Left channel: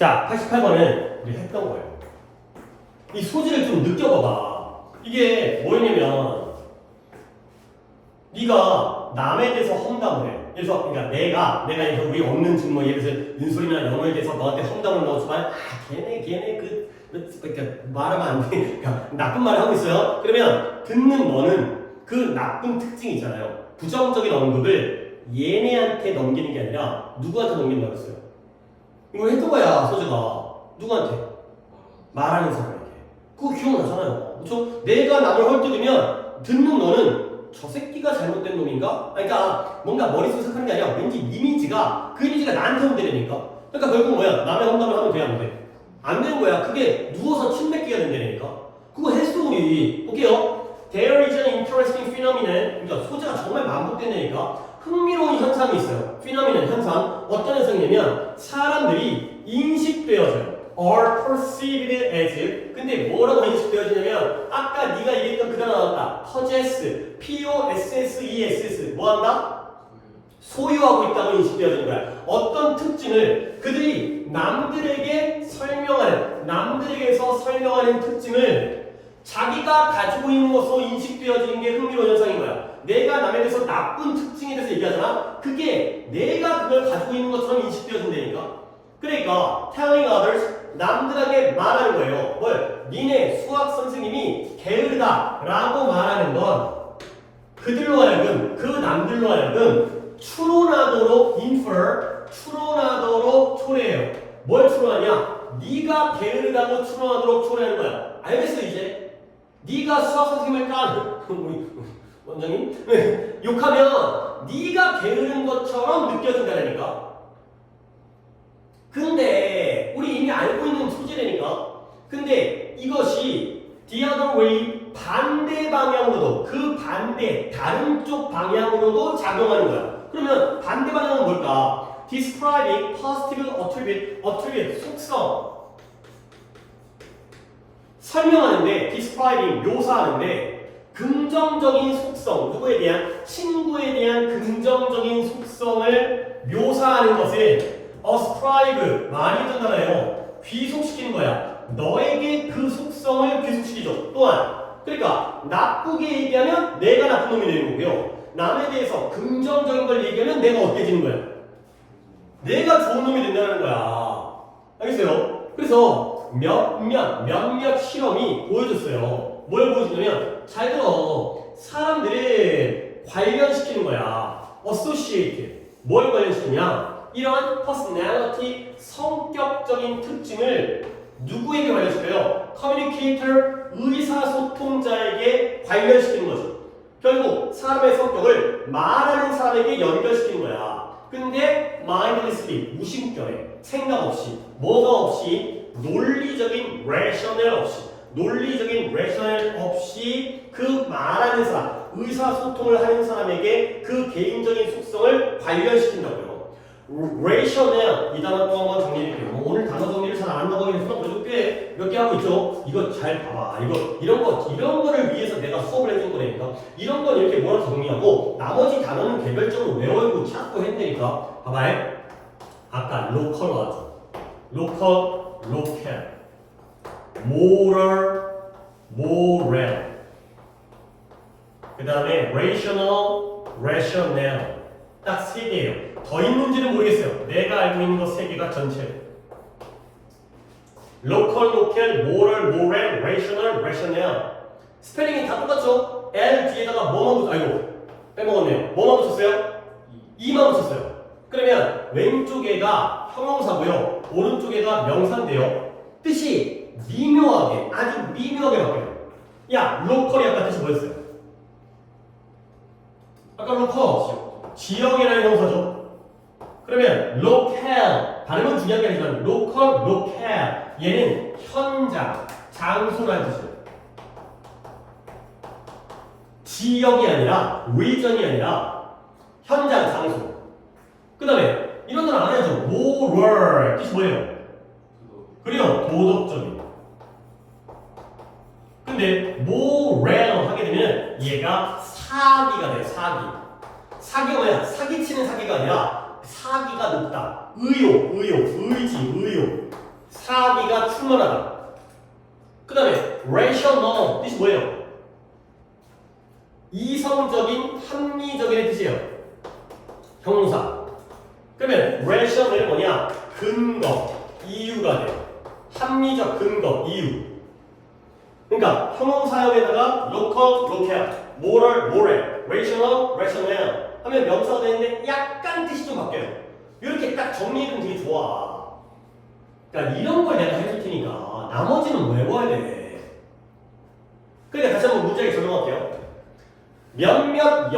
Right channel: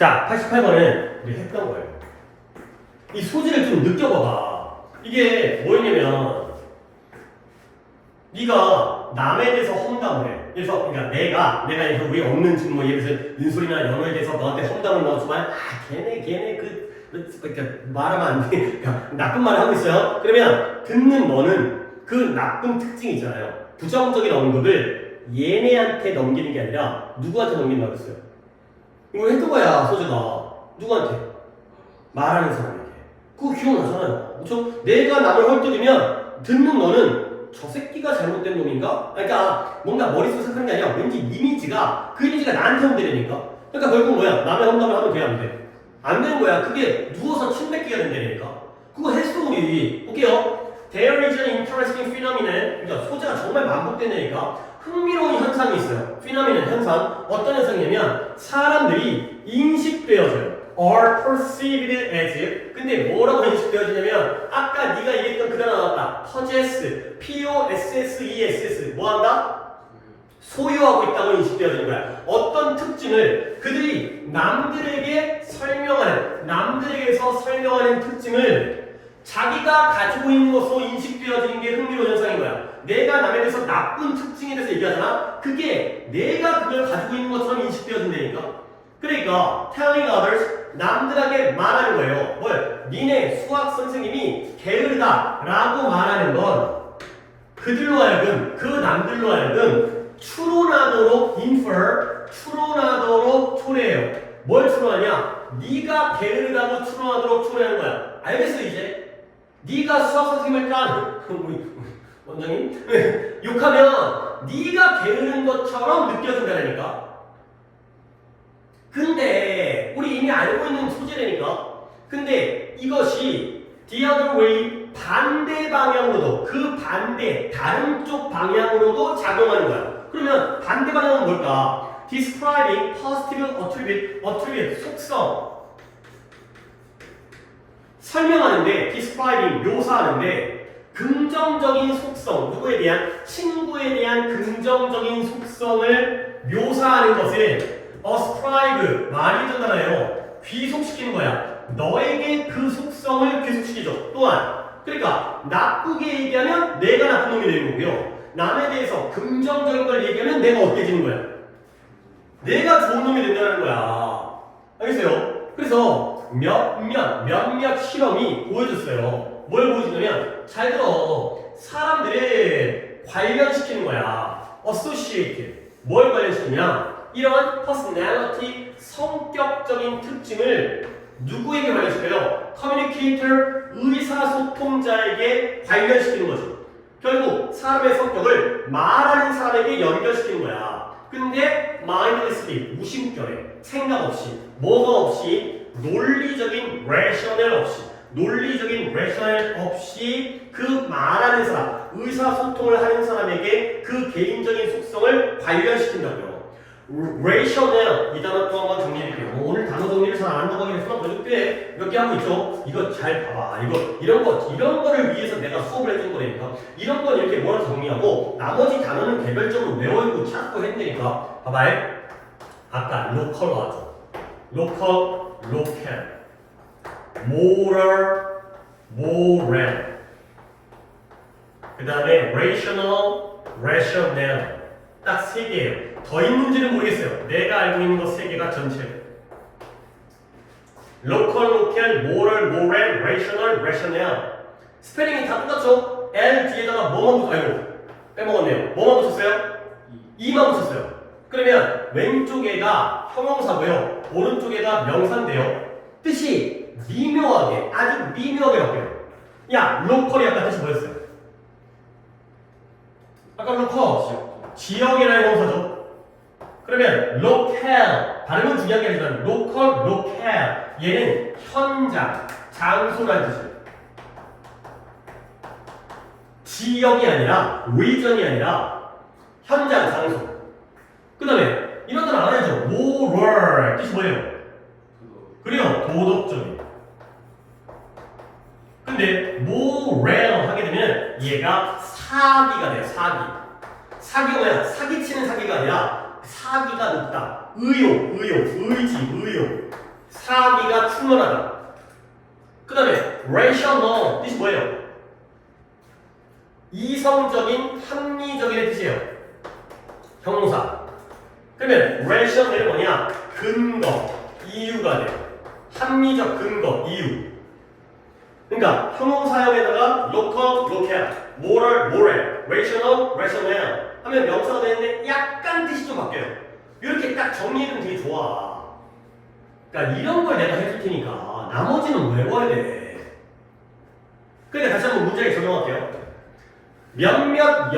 자, 88번은 우리 했던 거예요. 이 소지를 좀 느껴봐봐. 이게 뭐였냐면 네가 남에 대해서 험담을 해. 그래서 그러니까 내가 이제 우리 없는 지금 뭐 예를 들어서 윤소리나 영어에 대해서 너한테 험담을 넣어주면 걔네 그러니까 말하면 안 돼. 그러니까 나쁜 말을 하고 있어요. 그러면 듣는 너는 그 나쁜 특징 있잖아요. 부정적인 언급을 얘네한테 넘기는 게 아니라 누구한테 넘긴다고 했어요? 이거 했던 거야, 소재가. 누구한테? 말하는 사람에게. 그거 기억나잖아요. 그렇죠? 내가 남을 헐뜯으면 듣는 너는 저 새끼가 잘못된 놈인가? 그러니까 뭔가 머릿속에 생각하는 게 아니라 왠지 그 이미지가 나한테 오면 되니까. 그러니까 결국 뭐야? 남의 험담을 하면 돼, 안 돼? 안 되는 거야. 그게 누워서 침 뱉기가 된다니까. 그거 했어, 우리. 볼게요. There is an interesting phenomenon. 그러니까 소재가 정말 반복된다니까. 흥미로운 현상이 있어요. phenomenon 현상. 어떤 현상이냐면 사람들이 인식되어져요. are perceived as. 근데 뭐라고 인식되어지냐면 아까 네가 얘기했던 그대로 나왔다. possess. P-O-S-S-E-S-S. 뭐한다? 소유하고 있다고 인식되어지는 거야. 어떤 특징을 그들이 남들에게서 설명하는 특징을 자기가 가지고 있는 것으로 인식되어지는 게 흥미로운 현상인 거야. 내가 남에 대해서 나쁜 특징에 대해서 얘기하잖아. 그게 내가 그걸 가지고 있는 것처럼 인식되어진다니까. 그러니까 telling others, 남들에게 말하는 거예요. 뭘? 니네 수학 선생님이 게으르다 라고 말하는 건 그들로 하여금, 그 남들로 하여금 추론하도록 추론하도록 초래해요. 뭘 추론하냐? 네가 게으르다고 추론하도록 초래하는 거야. 알겠어 이제? 네가 수학 선생님을 깐 원장님 욕하면 네가 게으른 것처럼 느껴진다니까. 근데 우리 이미 알고 있는 소재라니까. 근데 이것이 the other way 반대 방향으로도 다른 쪽 방향으로도 작용하는 거야. 그러면 반대 방향은 뭘까? describing positive attribute 속성 설명하는데 describing 묘사하는데 긍정적인 속성 누구에 대한 친구에 대한 긍정적인 속성을 묘사하는 것을 ascribe 말이 되잖아요. 귀속시키는 거야. 너에게 그 속성을 귀속시키죠. 또한 그러니까 나쁘게 얘기하면 내가 나쁜 놈이 되는 거고요. 남에 대해서 긍정적인 걸 얘기하면 내가 어때지는 거야? 내가 좋은 놈이 된다는 거야. 알겠어요? 그래서 몇몇 실험이 보여줬어요. 뭘 보여주냐면 잘 들어. 사람들을 관련시키는 거야. associate. 뭘 관련시키냐? 이런 personality, 성격적인 특징을 누구에게 관련시켜요? communicator, 의사소통자에게 관련시키는 거죠. 결국 사람의 성격을 말하는 사람에게 연결시키는 거야. 근데 mindlessly, 무심결에, 생각 없이, 뭐가 없이, 논리적인 rational 없이 그 말하는 사람, 의사소통을 하는 사람에게 그 개인적인 속성을 관련시킨다고요. rational 이 단어 또 한번 정리해드릴게요. 오늘 단어 정리를 잘 안 한다고 해서 꽤 몇 개 하고 있죠. 이거 잘 봐봐. 이런 거를 위해서 내가 수업을 해준 거니까 이런 건 이렇게 뭐로 정리하고 나머지 단어는 개별적으로 외우고 찾고 했으니까 봐봐요. 아까 local 하죠. local, moral, 그 다음에 rational 딱 세 개예요. 더 있는지는 모르겠어요. 내가 알고 있는 거 세 개가 전체로. local, moral, rational. 스펠링이 다 똑같죠? L 뒤에다가 뭐만 붙, 아이고 빼먹었네요. 뭐만 붙였어요? E만 붙였어요. 그러면 왼쪽 애가 형용사고요. 오른쪽 애가 명사인데요. 뜻이 미묘하게, 아주 미묘하게 바뀌어요. 야, local이 아까 뜻이 뭐였어요? 아까 local, 지역이라는 형용사죠. 그러면 local, 발음은 중요한 게 아니지만 local, 얘는 현장, 장소라는 뜻이에요. 지역이 아니라 region이 아니라 현장, 장소. 그 다음에 이런 단어 안 해야죠. moral, 뜻이 뭐예요? 그래요, 도덕적인. 근데 moral 하게 되면 얘가 사기가 돼요. 사기가 뭐야? 사기치는 사기가 아니라 사기가 높다. 의지. 차기가 충분하다. 그 다음에 rational 뜻이 뭐예요? 이성적인, 합리적인 뜻이에요. 형용사. 그러면 rational이 뭐냐? 근거, 이유가 돼요. 합리적 근거, 이유. 그러니까 형용사형에다가 local, locale, moral, moral, rational, rational 하면 명사가 되는데 약간 뜻이 좀 바뀌어요. 이렇게 딱 정리해두면 되게 좋아. 그러니까 이런 걸 내가 해줄 테니까 나머지는 외워야 돼. 그러니까 다시 한번 문제에 적용할게요. 몇몇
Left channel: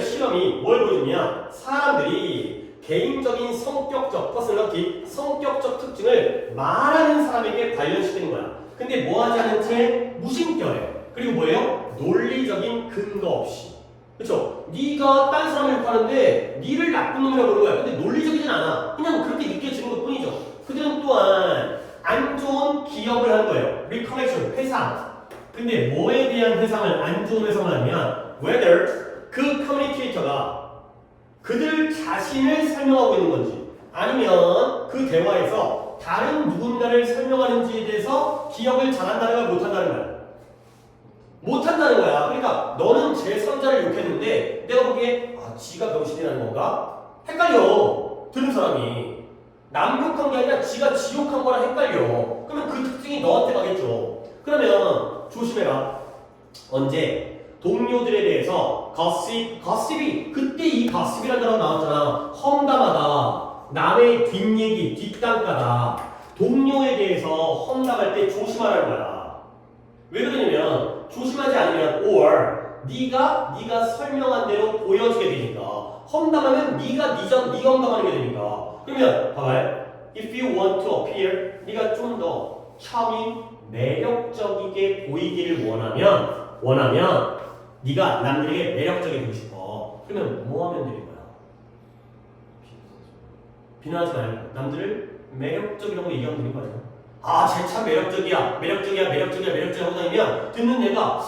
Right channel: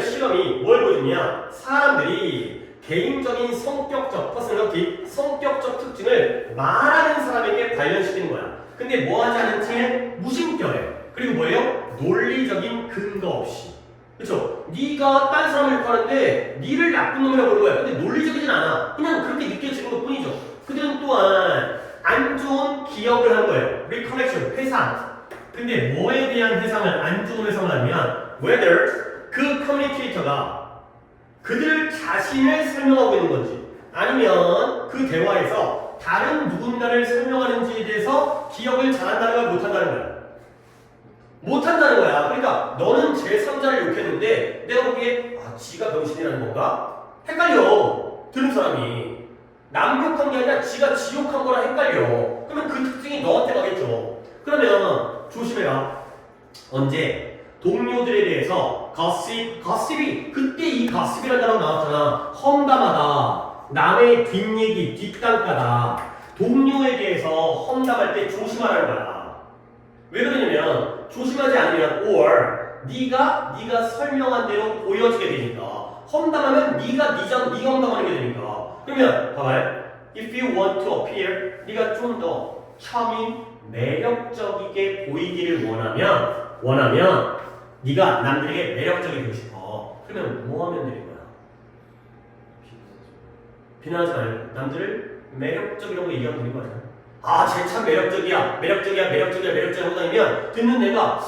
실험이 뭘 보여주냐? 사람들이 개인적인 성격적, 퍼스널리티, 성격적 특징을 말하는 사람에게 관련시키는 거야. 근데 뭐 하지 않은 채 무심결해요. 그리고 뭐예요? 논리적인 근거 없이. 그쵸? 네가 딴 사람을 욕하는데 니를 나쁜 놈이라고 그러는 거야. 근데 논리적이진 않아. 그냥 그렇게 느껴지는 것 뿐이죠. 그들은 또한 안 좋은 기억을 한 거예요. recollection, 회상. 근데 뭐에 대한 회상을 안 좋은 회상을 하면 whether 그 커뮤니케이터가 그들 자신을 설명하고 있는 건지 아니면 그 대화에서 다른 누군가를 설명하는지에 대해서 기억을 잘한다는 걸 못한다는 거야. 못한다는 거야. 그러니까 너는 제3자를 욕했는데 내가 보기에 지가 병신이라는 건가? 헷갈려. 들은 사람이. 남 욕한 게 아니라 지가 지 욕한 거랑 헷갈려. 그러면 그 특징이 너한테 가겠죠. 그러면 조심해라. 언제? 동료들에 대해서 거십이 그때 이 거십이라는 단어가 나왔잖아. 험담하다. 남의 뒷얘기, 뒷담가다. 동료에 대해서 험담할 때 조심하라는 거야. 왜 그러냐면 조심하지 않으면 or 네가 설명한 대로 보여지게 되니까 험담하면 네가 험담하는 게 되니까 그러면 봐봐요. If you want to appear 네가 좀 더 charming, 매력적이게 보이기를 원하면 네가 남들에게 매력적이 되고 싶어. 그러면 뭐 하면 되는 거야? 비난하지 말고 남들을 매력적이라고 얘기하면 되는 거 아니야? 쟤 참 매력적이야 하고 다니면 듣는 내가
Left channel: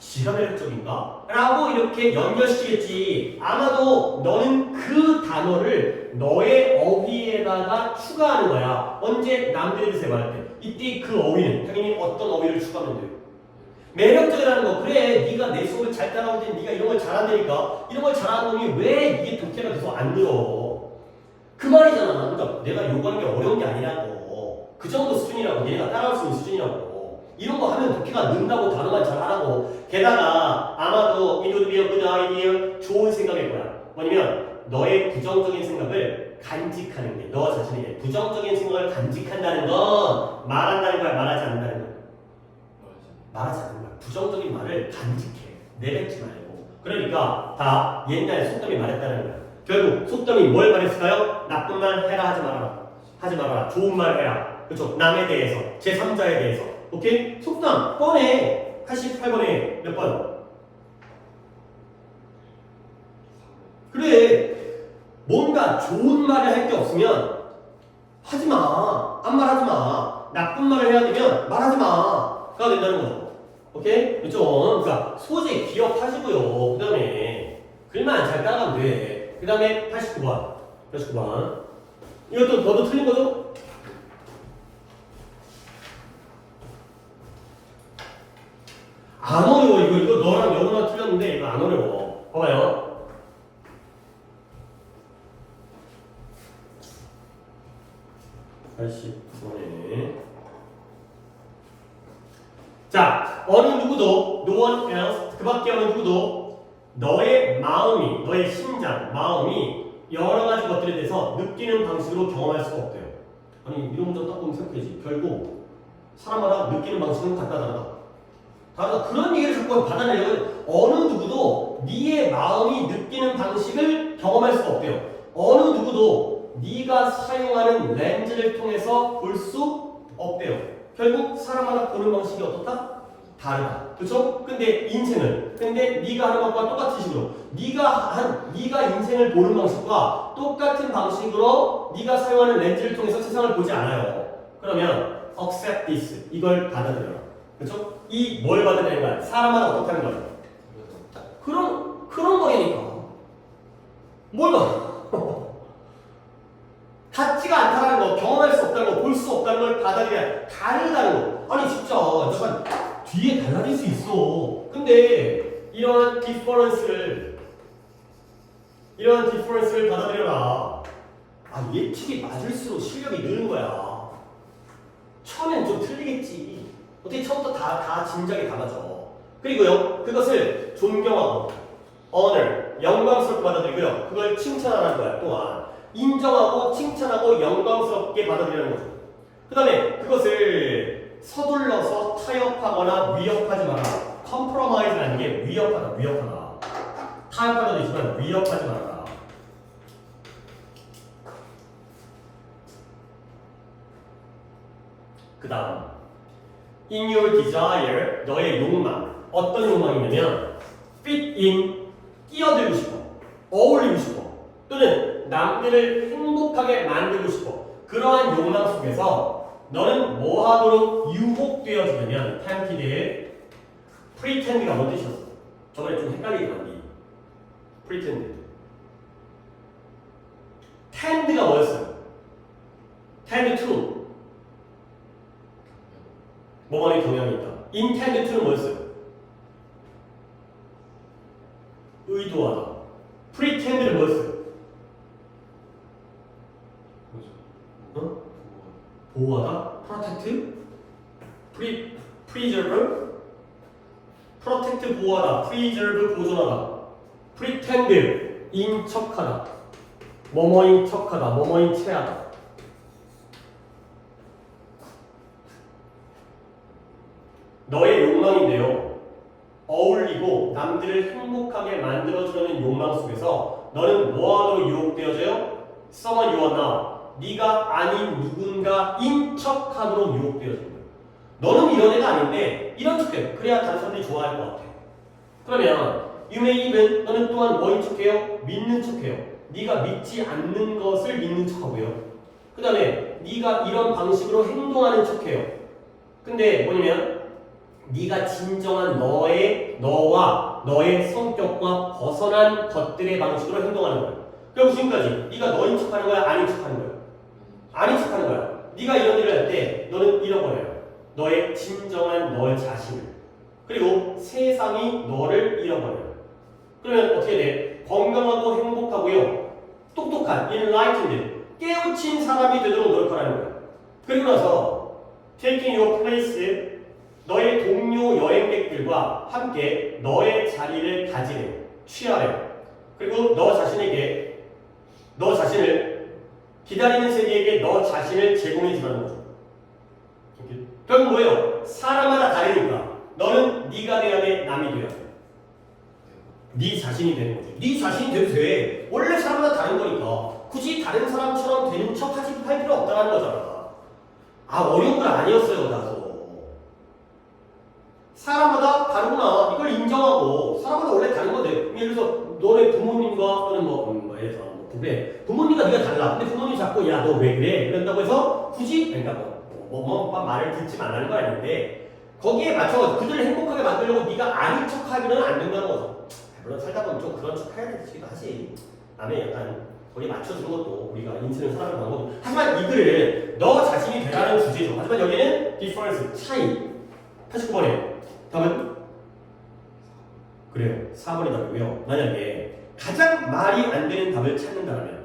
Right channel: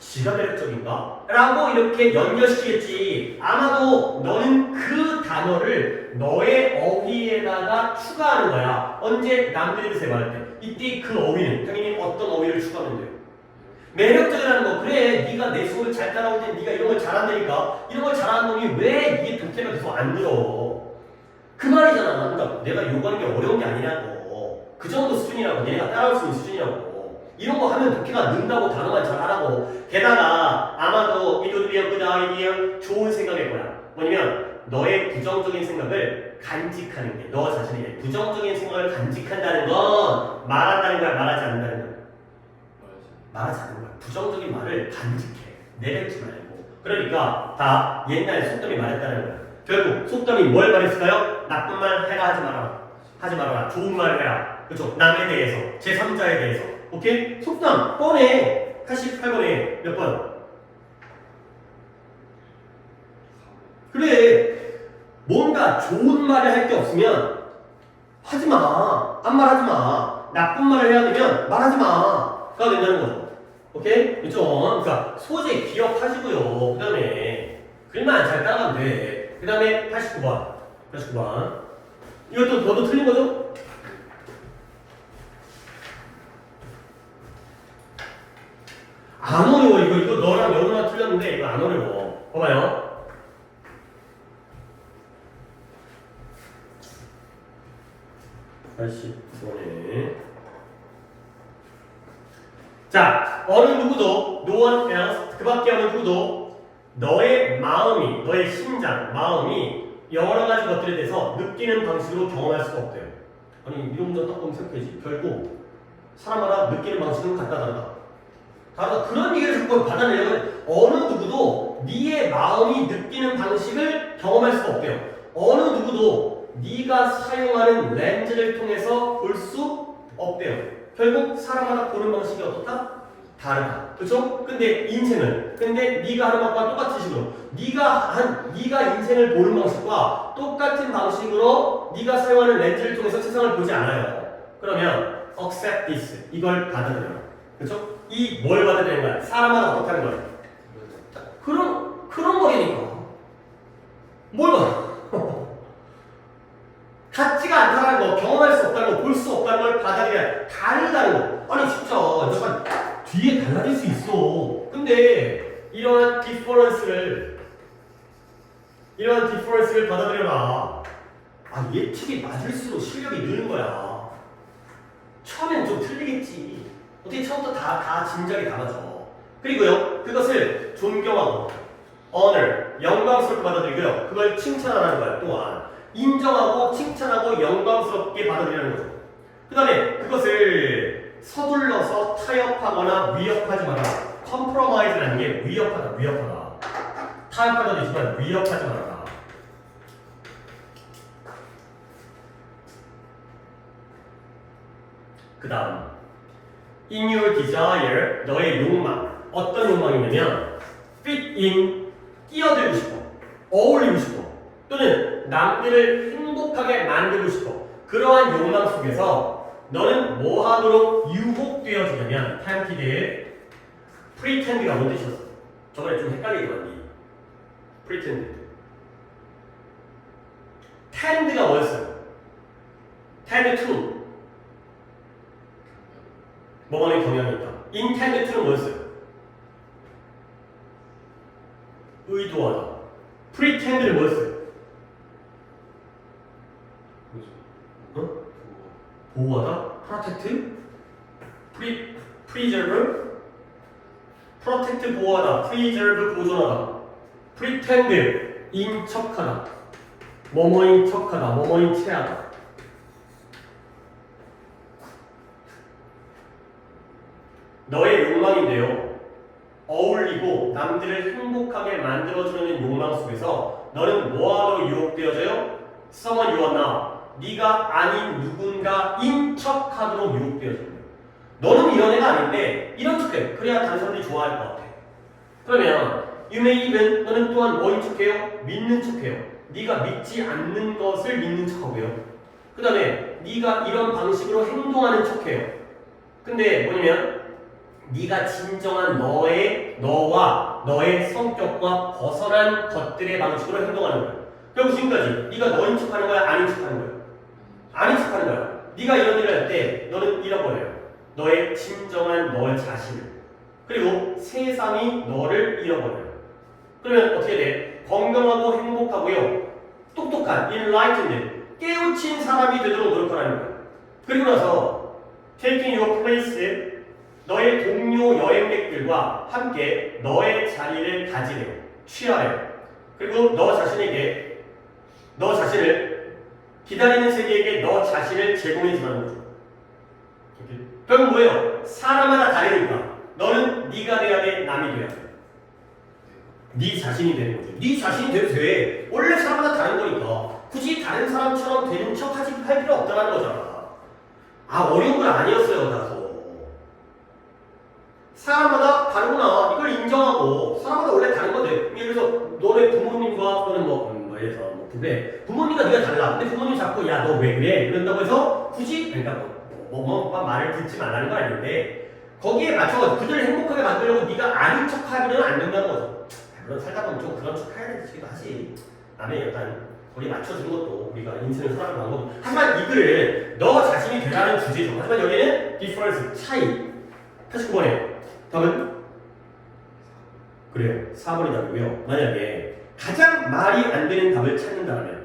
지가 매력적인가? 라고 이렇게 연결시키겠지. 아마도 너는 그 단어를 너의 어휘에다가 추가하는 거야. 언제 남들에 대해서 말할 때. 이때 그 어휘는 당연히 어떤 어휘를 추가하면 돼요? 매력적이라는 거. 그래, 네가 내 속을 잘 따라올 때 네가 이런 걸 잘한다니까. 이런 걸 잘하는 놈이 왜 이게 독해가 계속 안 늘어? 그 말이잖아. 그러니까 내가 요구하는 게 어려운 게 아니라고. 그 정도 수준이라고. 얘네가 따라올 수 있는 수준이라고. 이런 거 하면 독해가 는다고 단어만 잘하라고. 게다가 아마도 it would be a good idea. 좋은 생각일 거야. 뭐냐면 너의 부정적인 생각을 간직하는 게 너 자신에게 부정적인 생각을 간직한다는 건 말한다는 거야, 말하지 않는다는 거야? 말하지 않는 거야. 부정적인 말을 간직해. 내뱉지 말고. 그러니까 다 옛날 속담이 말했다는 거야. 결국 속담이 뭘 말했을까요? 나쁜 말 해라 하지 말아라. 하지 말아라. 좋은 말 해라. 그렇죠? 남에 대해서, 제3자에 대해서. 오케이? 속담 뻔해. 88번에 몇 번? 그래. 뭔가 좋은 말을 할 게 없으면 하지 마. 아무 말 하지 마. 나쁜 말을 해야 되면 말하지 마가 된다는 거죠. 오케이? 그렇죠? 그러니까 소재 기억하시고요. 그 다음에 글만 잘 따라가면 돼. 그 다음에 89번. 이것도 너도 틀린 거죠? 안 어려워. 이거 너랑 영어랑 틀렸는데 이거 안 어려워. 봐봐요. 자, 어느 누구도 no one else 그 밖에 어느 누구도 너의 마음이 너의 심장, 마음이 여러 가지 것들에 대해서 느끼는 방식으로 경험할 수가 없대요. 아니 이런 문장 딱 보면 생각해지. 결국 사람마다 느끼는 방식은 다르다. 그런 얘기를 자꾸 받아내려면 어느 누구도 네의 마음이 느끼는 방식을 경험할 수가 없대요. 어느 누구도 네가 사용하는 렌즈를 통해서 볼 수 없대요. 결국 사람마다 보는 방식이 어떻다? 다르다. 그렇죠? 근데 네가 하는 것과 똑같은 식으로 네가 인생을 보는 방식과 똑같은 방식으로 네가 사용하는 렌즈를 통해서 세상을 보지 않아요. 그러면 accept this 이걸 받아들여라. 그렇죠? 이 뭘 받아들이는 거야? 사람마다 어떻게 하는 거야? 그런 거니까 뭘 봐? 같지가 않다는 거, 경험할 수 없다는 거, 볼 수 없다는 걸 받아들여야 다르다는 거. 아니 진짜 약간 뒤에 달라질 수 있어. 근데 이러한 디퍼런스를 받아들여라. 아 예측이 맞을수록 실력이 느는 거야. 처음엔 좀 틀리겠지. 어떻게 처음부터 다 진작에 다 맞아. 그리고요 그것을 존경하고 honor 영광스럽게 받아들이고요 그걸 칭찬하라는 거야. 또한 인정하고 칭찬하고 영광스럽게 받아들이는 거죠. 그 다음에 그것을 서둘러서 타협하거나 위협하지 마라. compromise라는 게 위협하다. 타협하도 되지만 위협하지 말아라. 그 다음 in your desire 너의 욕망 어떤 욕망이냐면 fit in 끼어들고 싶어 어울리고 싶어 또는 남들을 행복하게 만들고 싶어 그러한 욕망 속에서 너는 뭐 하도록 유혹되어지냐면 tempted pretend가 뭔 뜻이었어? 저번에 좀 헷갈리더라니 pretend tend가 뭐였어요? tend to 뭐만의 경향이 있다. intend to는 뭐였어요? 의도하다. pretend는 뭐였어요? 어? 보호하다? protect? preserve? protect 보호하다. preserve 보존하다. pretend 인척하다. 뭐뭐인 척하다. 뭐뭐인 체하다. 너의 욕망인데요. 어울리고 남들을 행복하게 만들어주려는 욕망 속에서 너는 뭐하러 유혹되어져요? someone you are not. 네가 아닌 누군가 인척하도록 유혹되어지는 거예요. 너는 이런 애가 아닌데 이런 척해. 그래야 다른 사람들이 좋아할 것 같아. 그러면 you may even 너는 또한 뭐인 척해요? 믿는 척해요. 네가 믿지 않는 것을 믿는 척하고요. 그 다음에 네가 이런 방식으로 행동하는 척해요. 근데 뭐냐면 네가 진정한 너와 너의 성격과 벗어난 것들의 방식으로 행동하는 거야. 그럼 지금까지 네가 너인 척하는 거야? 아닌 척하는 거야? 아닌 척하는 거야. 네가 이런 일을 할 때 너는 잃어버려요. 너의 진정한 너의 자신을. 그리고 세상이 너를 잃어버려요. 그러면 어떻게 돼? 건강하고 행복하고요. 똑똑한 enlightened 깨우친 사람이 되도록 노력하라는 거야. 그리고 나서 taking your place 너의 동료 여행객들과 함께 너의 자리를 가지래요. 취하래요. 그리고 너 자신을 기다리는 세계에게 너 자신을 제공해 주라는 거죠. 결국 뭐예요? 사람마다 다르니까 너는 네가 돼야 돼, 남이 돼야 돼. 네 자신이 되는 거죠. 네 자신이 돼도 돼. 원래 사람마다 다른 거니까 굳이 다른 사람처럼 되는 척 할 필요 없다는 거잖아. 아 어려운 건 아니었어요. 나도. 사람마다 다르구나. 이걸 인정하고 사람마다 원래 다른 건데 예를 들어서 너네 부모님과 또는 예를 들어서 부모님과 네가 달라. 근데 부모님이 자꾸 야 너 왜 그래? 이런다고 해서 굳이 그러니까 오빠 말을 듣지 말라는 건 아닌데 거기에 맞춰서 그들을 행복하게 만들려고 네가 아닌 척하면 안 된다는 거죠. 물론 살다 보면 좀 그런 척 해야 되기도 하지. 남의 약간 거기에 맞춰주는 것도 우리가 인생을 살아가는 방법도. 하지만 이 글을 너 자신이 되라는 주제죠. 하지만 여기는 difference 차이 89번에 답은? 그래요. 4번이 답이고요. 만약에 가장 말이 안 되는 답을 찾는다면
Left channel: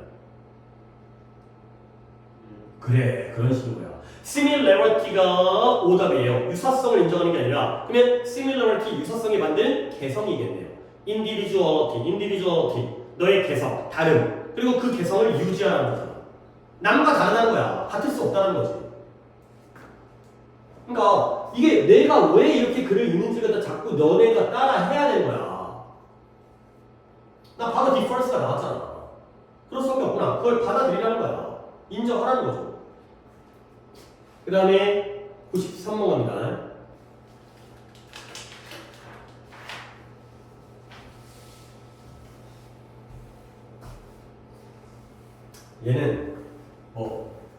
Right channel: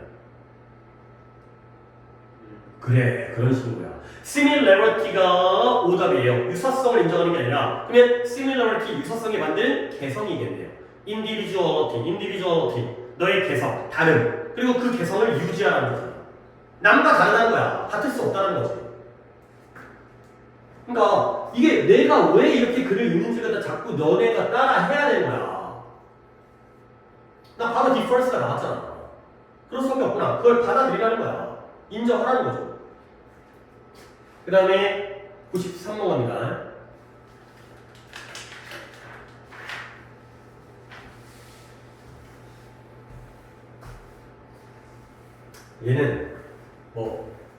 그래 그런 식인 거야. similarity가 오답이에요. 유사성을 인정하는 게 아니라 그러면 similarity 유사성에 만든 개성이겠네요. individuality 너의 개성, 다름 그리고 그 개성을 유지하라는 거잖아. 남과 다르다는 거야. 같을 수 없다는 거지. 그러니까 이게 내가 왜 이렇게 글을 읽는지를 갖다 자꾸 너네가 따라 해야 되는 거야. 나 바로 difference가 나왔잖아. 그럴 수밖에 없구나. 그걸 받아들이라는 거야. 인정하라는 거죠. 그 다음에 93번입니다. 얘는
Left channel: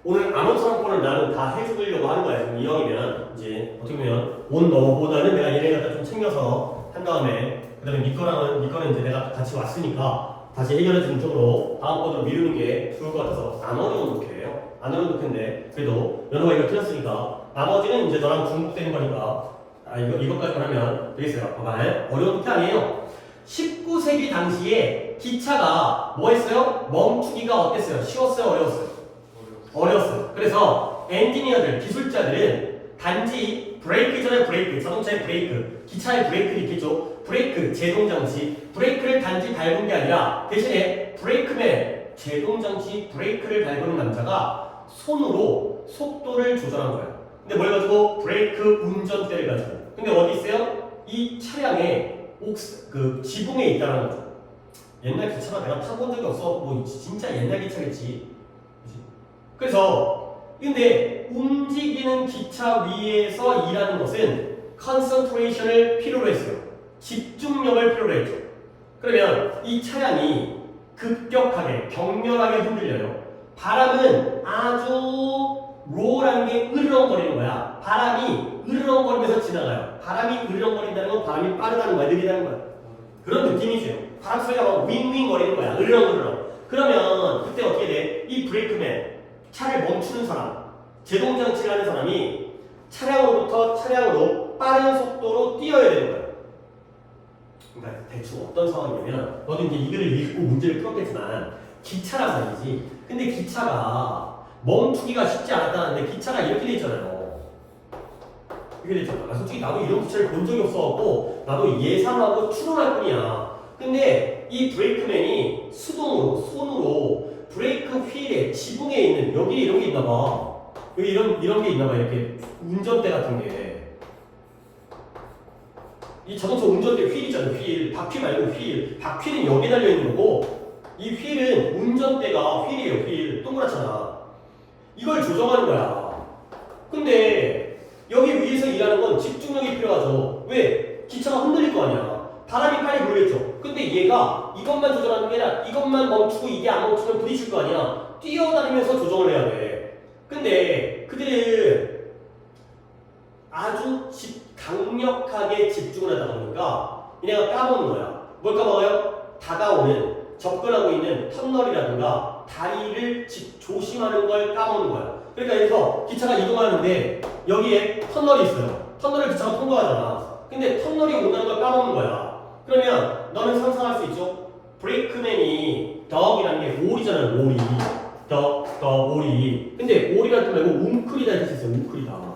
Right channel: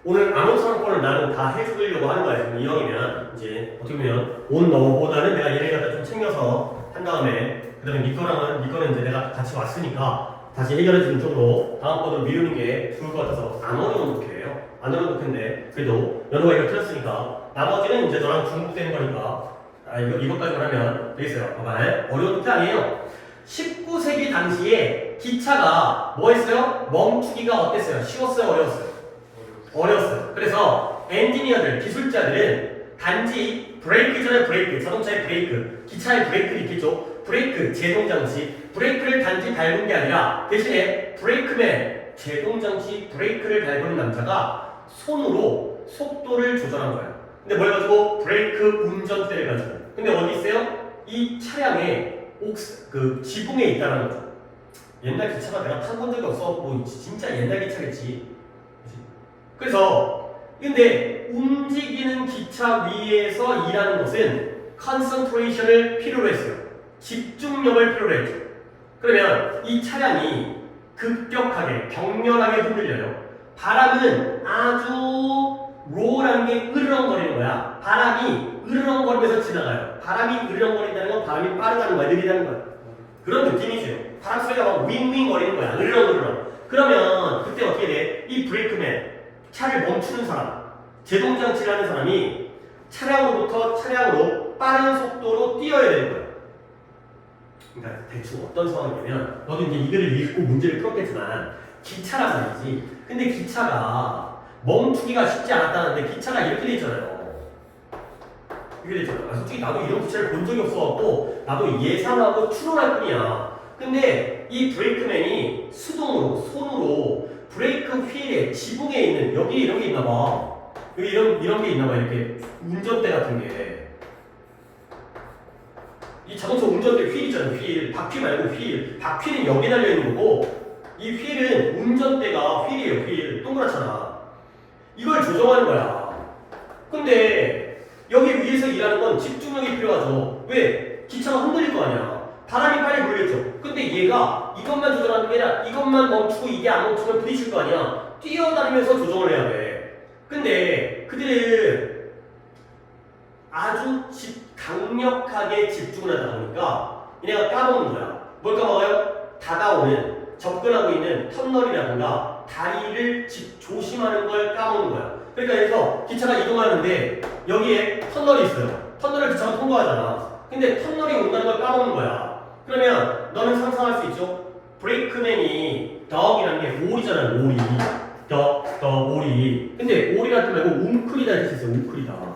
오늘 암호상권을 나는 다 해주려고 하는 거야. 지금 이왕이면 이제 어떻게 보면 온 너보다는 내가 얘네 갖다 좀 챙겨서 한 다음에 그 다음에 니꺼는 이제 내가 같이 왔으니까 다시 해결해 주는 쪽으로 다음번으로 미루는 게 좋을 것 같아서 안 어려운 목표예요. 안 하면 좋겠는데 그래도 연호가 이거 틀렸으니까 나머지는 이제 너랑 중복되는 거니까 이것까지만 하면 되겠어요. 봐봐. 어려운 게 아니에요. 19세기 당시에 기차가 뭐 했어요? 멈추기가 어땠어요? 쉬웠어요? 어려웠어요? 어려웠어요. 그래서 엔지니어들, 기술자들은 단지 브레이크 전에 브레이크, 자동차의 브레이크, 기차의 브레이크를 있겠죠? 브레이크, 제동장치, 브레이크를 단지 밟은 게 아니라 대신에 브레이크맨, 제동장치 브레이크를 밟은 남자가 손으로 속도를 조절한 거예요. 근데 뭘 가지고? 브레이크 운전대를 가지고. 근데 어디 있어요? 이 차량의 그 지붕에 있다는 거죠. 옛날 기차가 내가 타본 적이 없어. 뭐 진짜 옛날 기차겠지. 그래서 근데 움직이는 기차 위에서 일하는 것은 컨센트레이션을 필요로 했어요. 집중력을 필요로 했죠. 그러면 이 차량이 급격하게 격렬하게 흔들려요. 바람은 아주 로우라는 게 으르렁거리는 거야. 바람이 으르렁거리면서 지나가요. 바람이 으르렁거린다는 건 바람이 빠르다는 거야, 느리다는 거야. 그런 느낌이죠. 바람 소리가 막 윙윙거리는 거야, 으르렁으르렁. 그러면 그때 어떻게 돼? 이 브레이크맨, 차를 멈추는 사람, 제동장치를 하는 사람이 차량으로부터 차량으로 빠른 속도로 뛰어야 되는 거예요. 그러니까 대충 어떤 상황이냐면 너도 이제 이거를 읽고 문제를 풀었겠지만 기차란 말이지. 근데 기차가 멈추기가 쉽지 않았다는데 기차가 이렇게 돼 있잖아요. 이렇게 돼 있잖아. 솔직히 나도 이런 기차를 본 적이 없어갖고 나도 예상하고 추론할 뿐이야. 근데 이 브레이크맨이 수동으로 손으로 브레이크 휠에 지붕에 있는 여기 이런 게 있나 봐. 여기 이런 게 있나 봐. 이렇게 운전대 같은 게. 이 자동차 운전대 휠 있잖아요. 휠. 바퀴 말고 휠. 바퀴는 여기 달려있는 거고 이 휠은 운전대가 휠이에요. 휠. 동그랗잖아. 이걸 조정하는 거야. 근데 여기 위에서 일하는 건 집중력이 필요하죠. 왜? 기차가 흔들릴 거 아니야. 바람이 빨리 불겠죠. 근데 얘가 이것만 조정하는 게 아니라 이것만 멈추고 이게 안 멈추면 부딪힐 거 아니야. 뛰어다니면서 조정을 해야 돼. 근데 그들은 아주 강력하게 집중을 하다 보니까 얘네가 까먹는 거야. 뭘 까먹어요? 다가오는, 접근하고 있는 터널이라든가 다리를 조심하는 걸 까먹는 거야. 그러니까 여기서 기차가 이동하는데 여기에 터널이 있어요. 터널을 기차가 통과하잖아. 근데 터널이 온다는 걸 까먹는 거야. 그러면 너는 상상할 수 있죠? 브레이크맨이 덕이라는 게 오리잖아요. 오리. 덕, 오리. 근데 오리라는 뜻 말고 웅크리다 이렇게 있어요. 웅크리다.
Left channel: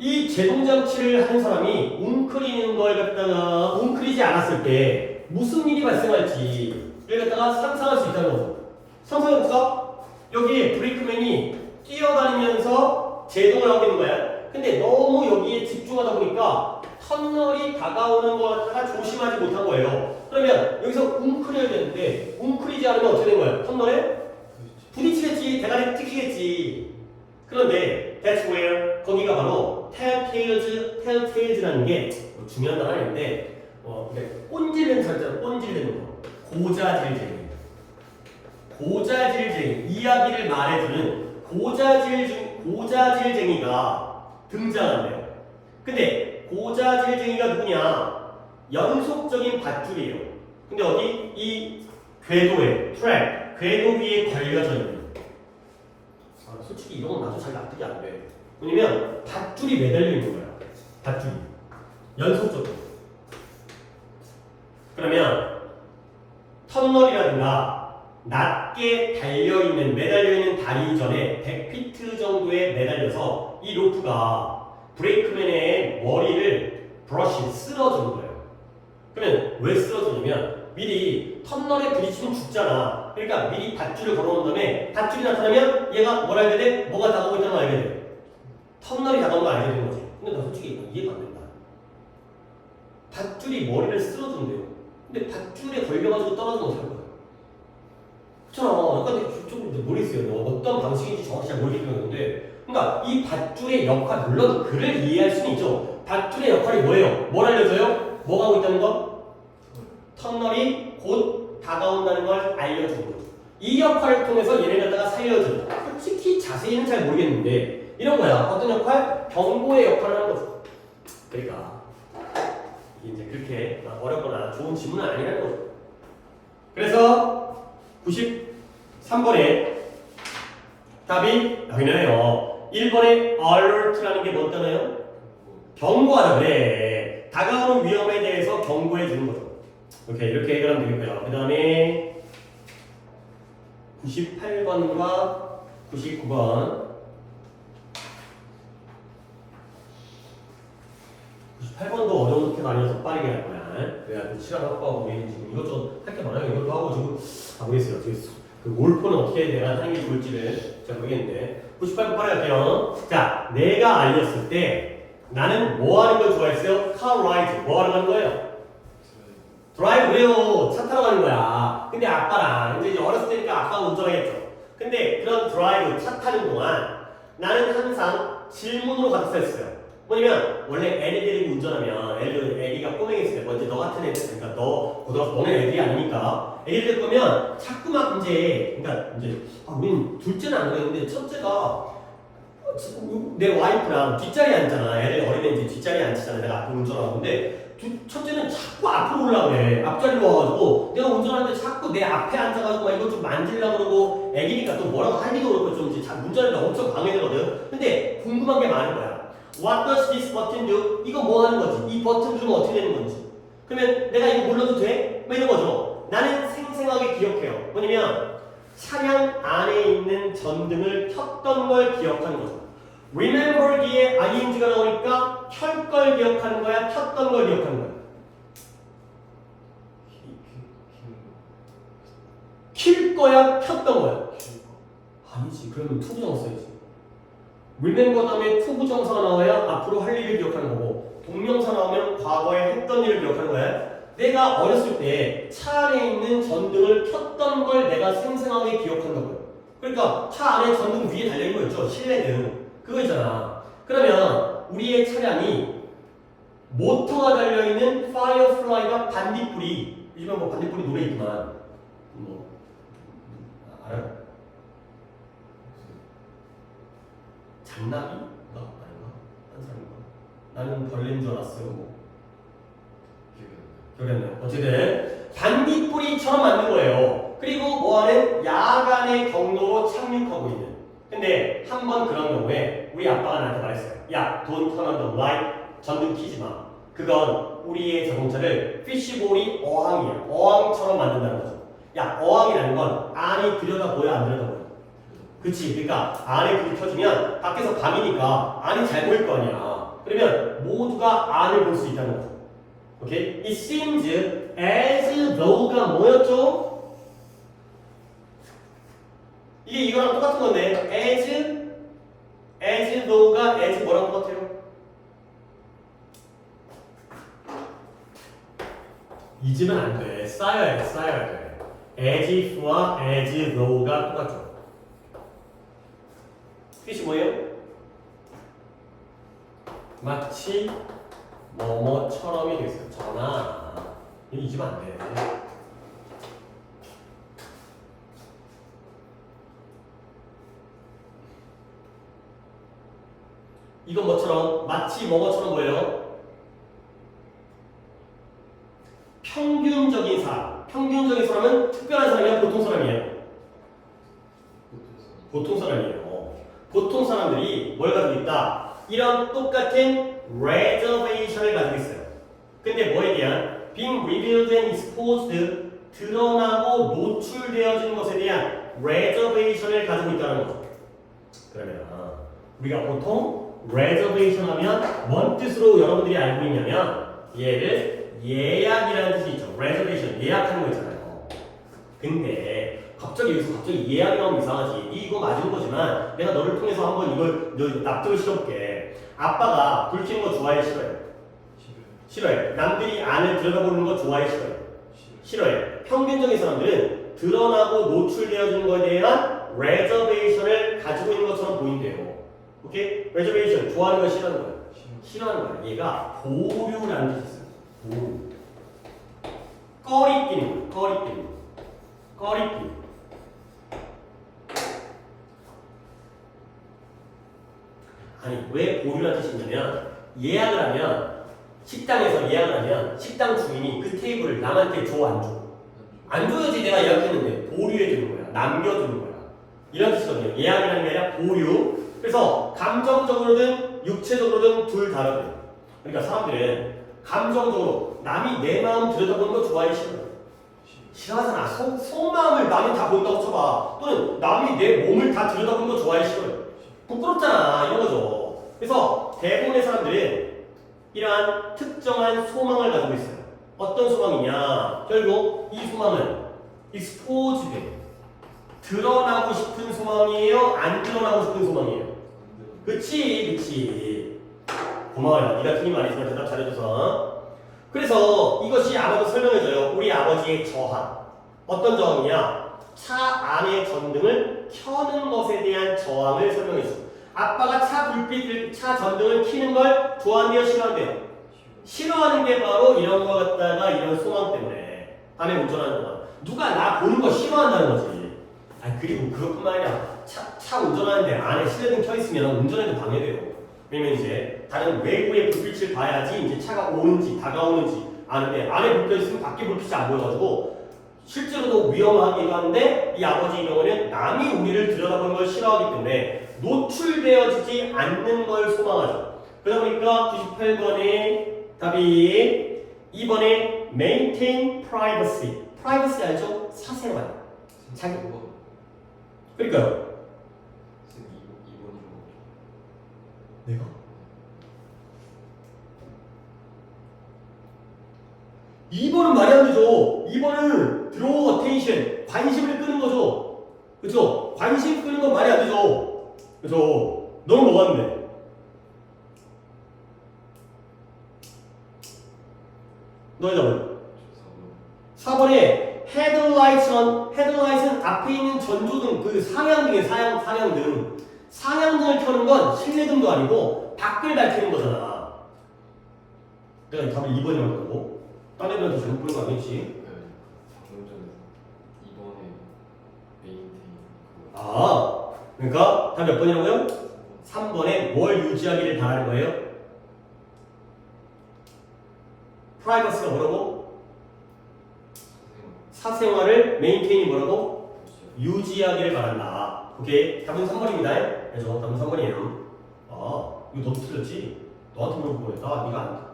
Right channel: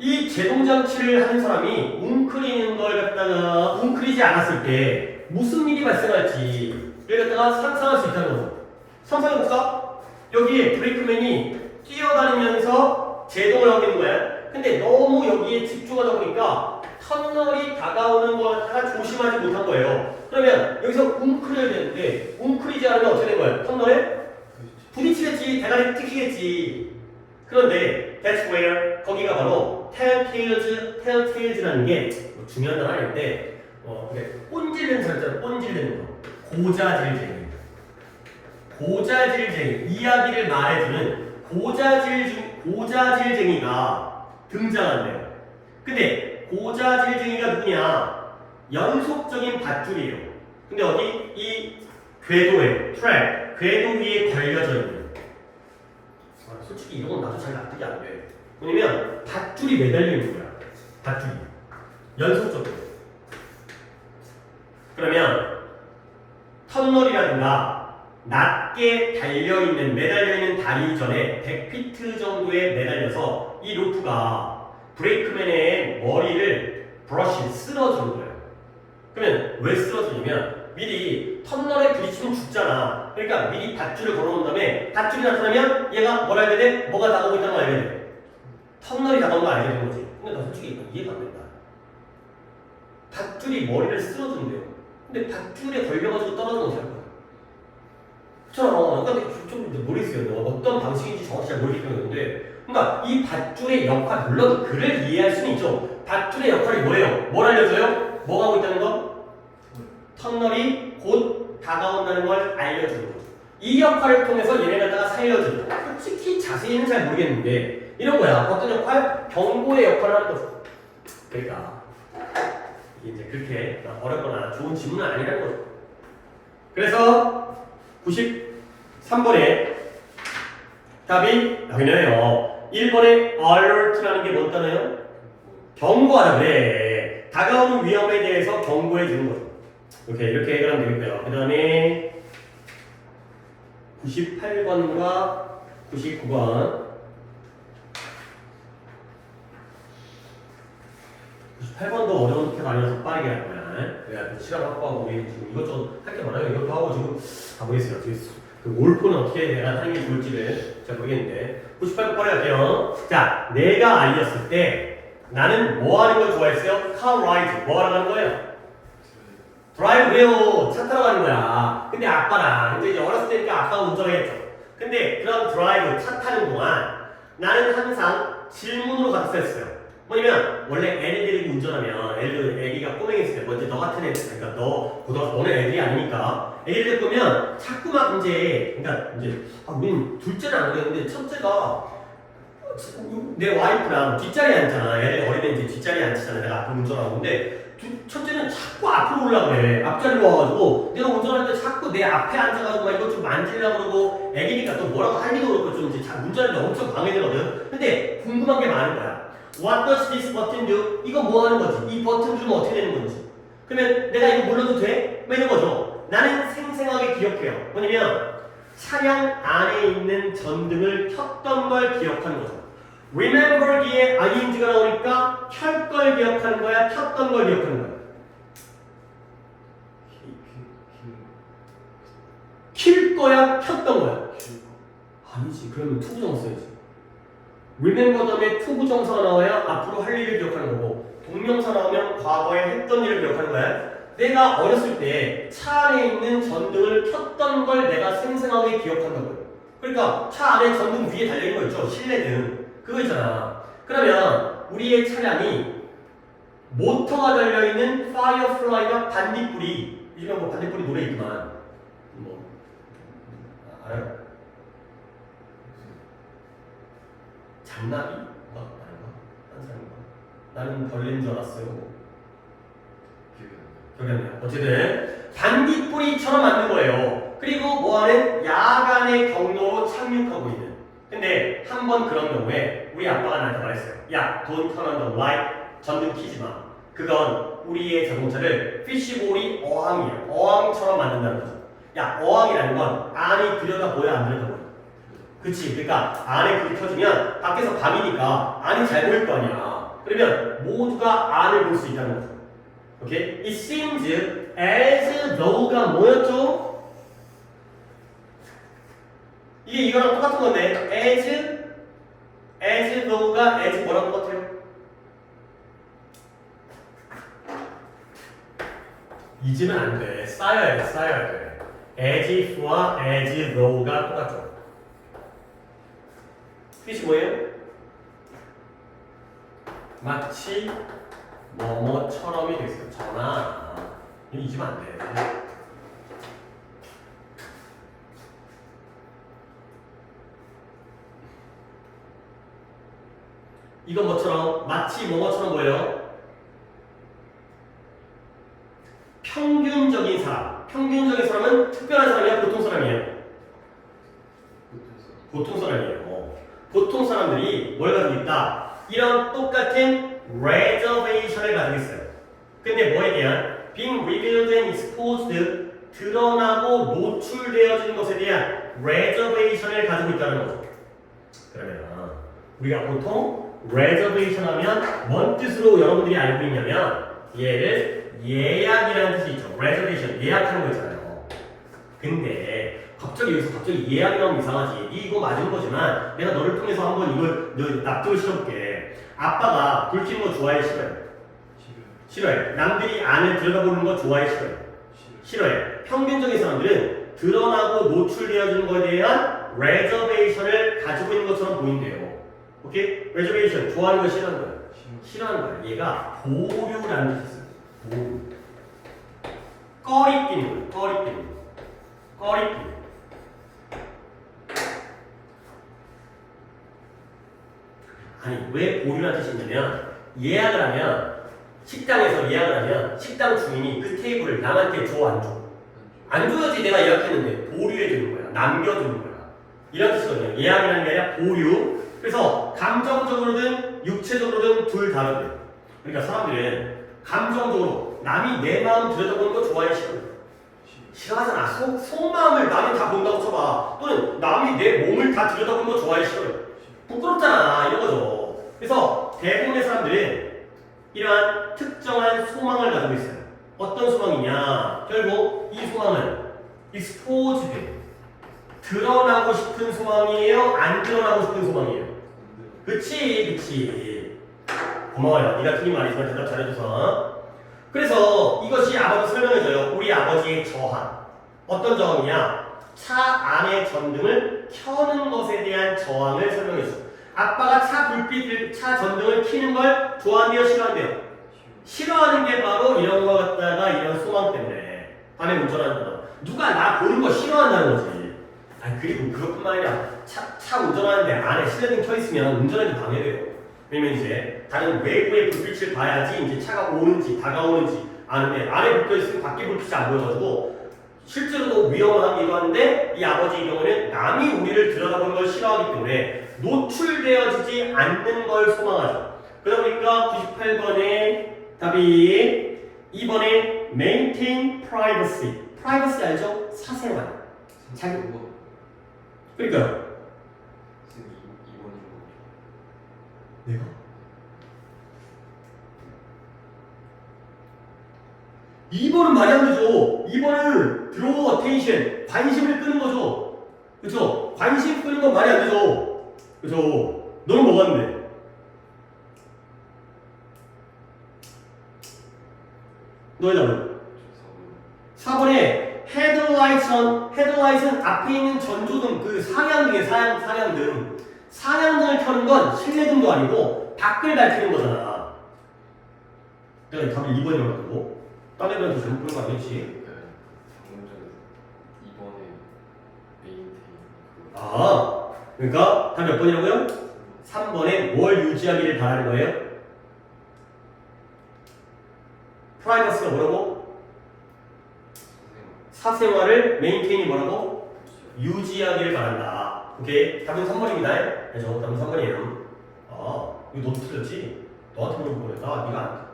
이 제동장치를 하는 사람이 웅크리는 걸 갖다가 웅크리지 않았을 때 무슨 일이 발생할지 를 갖다가 상상할 수 있다는 거죠. 상상해볼까? 여기에 브레이크맨이 뛰어다니면서 제동을 하고 있는 거야. 근데 너무 여기에 집중하다 보니까 터널이 다가오는 걸 갖다가 조심하지 못한 거예요. 그러면 여기서 웅크려야 되는데 웅크리지 않으면 어떻게 된 거예요? 터널에 부딪히겠지. 대가리 뜯기겠지. 그런데 that's where 거기가 바로 telltales라는 게 중요한 단어 아닌데 꼰질르는 절대로 꼰질르는 거. 고자질쟁이 이야기를 말해주는 고자질쟁이가 등장한대요. 근데 고자질쟁이가 누구냐? 연속적인 밧줄이에요. 근데 어디? 이 궤도에 궤도 위에 걸려져 있는. 솔직히 이런 건 나도 잘 납득이 안 돼. 왜냐면 밧줄이 매달려 있는 거야. 밧줄이 연속적으로. 그러면 터널이라든가 낮게 달려있는 매달려있는 다리 전에 100피트 정도에 매달려서 이 로프가 브레이크맨의 머리를 브러쉬 쓸어주는 거예요. 그러면 왜 쓸어주냐면 미리 터널에 부딪히면 죽잖아. 그러니까 미리 밧줄을 걸어놓은 다음에 밧줄이 나타나면 얘가 뭘 알게 돼? 뭐가 다가오고 있다는 걸 알게 돼. 터널이 다가온 걸 알게 되는 거지. 근데 나 솔직히 이해가 안 된다. 밧줄이 머리를 쓸어준대요. 근데 밧줄에 걸려가지고 떨어지면 어떻게 할 거야? 그렇잖아. 약간 좀 모르겠어요. 어떤 방식인지 정확히 잘 모르겠는데 그러니까 이 밧줄의 역할, 물론 그를 이해할 수는 있죠. 밧줄의 역할이 뭐예요? 뭘 알려줘요? 뭐가 하고 있다는 거? 터널이 곧 다가온다는 걸 알려주는 거죠. 이 역할을 통해서 얘네 갖다가 살려주는 거죠. 솔직히 자세히는 잘 모르겠는데 이런 거야. 어떤 역할? 경고의 역할을 하는 거죠. 그러니까 이게 이제 그렇게 어렵거나 좋은 질문은 아니라는 거죠. 그래서 3번에 답이 여기네요. 1번에 alert라는 게 뭔 단어예요? 경고하다 그래. 다가오는 위험에 대해서 경고해 주는 거죠. 이렇게 해결하면 되겠고요. 그 다음에 98번과 99번 98번도 어려운 게 아니어서 빠르게 할 거야. 그래야 시간 확보하고 우리 지금 이것저것 할 게 많아요. 이것도 하고 지금 가보겠어요. 그 몰포는 어떻게 내가 하는 게 좋을지를 잘 모르겠는데 98번 빠르게 할게요. 자, 내가 아이였을 때 나는 뭐 하는 걸 좋아했어요? car ride. 뭐 하러 가는 거예요? 드라이브 그래요. 차 타러 가는 거야. 근데 아빠랑 이제 어렸을 때니까 아빠가 운전하겠죠. 근데 그런 드라이브 차 타는 동안 나는 항상 질문으로 가득했어요. 뭐냐면 원래 애들이 운전하면 애기가 꼬맹이였을 때 먼저 너 같은 애들 그러니까 너는 애들이 아니니까 애기들 보면 자꾸만 그러니까 우린 둘째는 안 그랬는데 첫째가 내 와이프랑 뒷자리에 앉잖아. 애들 어린애 이제 뒷자리에 앉히잖아. 내가 앞으로 운전하고 근데 첫째는 자꾸 앞으로 오려고 해. 앞자리로 와가지고 내가 운전하는데 자꾸 내 앞에 앉아가지고 막 이것 좀 만지려고 그러고 애기니까 또 뭐라고 하기도 그렇고 좀 이제 운전하는데 엄청 방해되거든. 근데 궁금한 게 많은 거야. What does this button do? 이거 뭐 하는 거지? 이 버튼 누르면 어떻게 되는 건지. 그러면 내가 이거 몰라도 돼? 뭐 이런 거죠. 나는 생생하게 기억해요. 뭐냐면 차량 안에 있는 전등을 켰던 걸 기억하는 거죠. Remember 뒤에 ing가 나오니까 켤 걸 기억하는 거야? 켰던 걸 기억하는 거야? 킬 거야? 켰던 거야? 아니지. 그러면 투부정 써야지. Remember 다음에 투부정사가 나와야 앞으로 할 일을 기억하는 거고 동명사 나오면 과거에 했던 일을 기억하는 거야. 내가 어렸을 때 차 안에 있는 전등을 켰던 걸 내가 생생하게 기억한다고요. 그러니까 차 안에 전등 위에 달려있는 거 있죠? 실내등. 그거 있잖아. 그러면 우리의 차량이 모터가 달려있는 파이어플라이가 반딧불이 요즘은 뭐 반딧불이 노래 있지만 뭐 알아요? 장나비가 아닌가? 딴 사람인가? 나는 벌레인 줄 알았어요. 뭐. 기억이 안 나요. 어쨌든 반딧불이처럼 만든 거예요. 그리고 뭐하는 야간의 경로로 착륙하고 있는. 근데 한 번 그런 경우에 우리 아빠가 나한테 말했어요. 야, don't turn on the light. 전등 켜지 마. 그건 우리의 자동차를 피쉬볼이 어항이에요. 어항처럼 만든다는 거죠. 야, 어항이라는 건 안이 들여다보여 안 들여다보여? 그치. 그러니까 안에 불 켜주면 밖에서 밤이니까 안이 잘 보일 거 아니야. 그러면 모두가 안을 볼 수 있다는 거죠. 오케이? It seems as though가 뭐였죠? 이게 이거랑 똑같은 건데 as though가 as 뭐랑 똑같아요? 잊으면 안 돼. 쌓여야 돼. as if와 as though가 똑같죠. 뜻이 뭐예요? 마치 뭐뭐처럼이 되겠어요. 전화. 이거 잊으면 안 돼. 이건 뭐처럼? 마치 뭐뭐처럼 보여요? 평균적인 사람. 평균적인 사람은 특별한 사람이야? 보통 사람이에요? 보통 사람이에요. 보통 사람들이 뭘 가지고 있다? 이런 똑같은 reservation을 가지고 있어요. 근데 뭐에 대한? being revealed and exposed 드러나고 노출되어진 것에 대한 reservation을 가지고 있다는 거죠. 그러면 우리가 보통 reservation 하면 뭔 뜻으로 여러분들이 알고 있냐면 얘를 예약이라는 뜻이 있죠. reservation, 예약하는 거 있잖아요. 근데 갑자기 예약이 나오면 이상하지. 이거 맞은 거지만 내가 너를 통해서 한번 이걸 납득을 시켜볼게. 아빠가 불 켜는 거 좋아해? 싫어해? 싫어해. 남들이 안을 들여다보는 거 좋아해? 싫어해? 싫어해. 평균적인 사람들은 드러나고 노출되어지는 거에 대한 reservation을 가지고 있는 것처럼 보인대요. 오케이? reservation 좋아하는 거 싫어하는 거야? 싫어하는 거야. 얘가 보류라는 뜻이 있어요. 보류. 꺼리끼는 거예요. 꺼리끼. 아니 왜 보류라는 뜻이 있냐면 예약을 하면 식당에서 예약을 하면 식당 주인이 그 테이블을 남한테 줘 안 줘? 안 줘야지. 내가 예약했는데 보류해 주는 거야. 거야. 남겨두는 거야. 이런 뜻이거든요. 예약이라는 게 아니라 보유. 그래서 감정적으로든 육체적으로든 둘 다르대요. 그러니까 사람들은 감정적으로 남이 내 마음 들여다보는 거 좋아해 싫어요? 싫어하잖아. 속마음을 남이 다 본다고 쳐봐. 또는 남이 내 몸을 다 들여다보는 거 좋아해 싫어요? 부끄럽잖아. 이런 거죠. 그래서 대부분의 사람들은 이러한 특정한 소망을 가지고 있어요. 어떤 소망이냐? 결국 이 소망은 exposed, 드러나고 싶은 소망이에요? 안 드러나고 싶은 소망이에요? 그치. 고마워요. 네가 틀린 거 아니지만 대답 잘해줘서. 그래서 이것이 아버지 설명해줘요. 우리 아버지의 저항. 어떤 저항이냐? 차 안의 전등을 켜는 것에 대한 저항을 설명해줘요. 아빠가 차 전등을 켜는 걸 좋아한대요? 싫어한대요? 싫어하는 게 바로 이런 거 갖다가 이런 소망 때문에 밤에 운전하는 동안 누가 나 보는 거 싫어한다는 거지. 그리고 그것뿐만 아니라 차 운전하는데 안에 실내등 켜 있으면 운전에도 방해돼요. 왜냐면 이제 다른 외부의 불빛을 봐야지 이제 차가 오는지 다가오는지 아는데 안에 불 켜 있으면 밖에 불빛이 안 보여가지고 실제로도 위험하기도 한데 이 아버지의 경우는 남이 우리를 들여다보는 걸 싫어하기 때문에 노출되어지지 않는 걸 소망하죠. 그러다 보니까 98번에 답이 2번에 maintain privacy. privacy 알죠? 사생활. 자기 그러니까요. 내가? 이번은 말이 안 되죠. 2번은 draw attention, 관심을 끄는 거죠. 그쵸? 관심 끄는 건 말이 안 되죠. 그쵸? 너는 뭐가 왔는데? 너의 답은? 4번에 headlight은 앞에 있는 전조등, 그 상향등이에요. 상향등. 상향등을 켜는 건 실내등도 아니고 밖을 밝히는 거잖아. 내가 답이 2번이라고 그러고 딴 애들한테 잘못 보는 거 아니겠지? 그러니까 답 몇 번이라고요? 3번에 뭘 유지하기를 바라는 거예요? 프라이버시가 뭐라고? 사생활을 메인테인이 뭐라고? 유지하기를 바란다. 오케이. 답은 3번입니다. 그죠? 답은 3번이에요. 이거 너도 틀렸지? 너한테 물어본 거야. 네가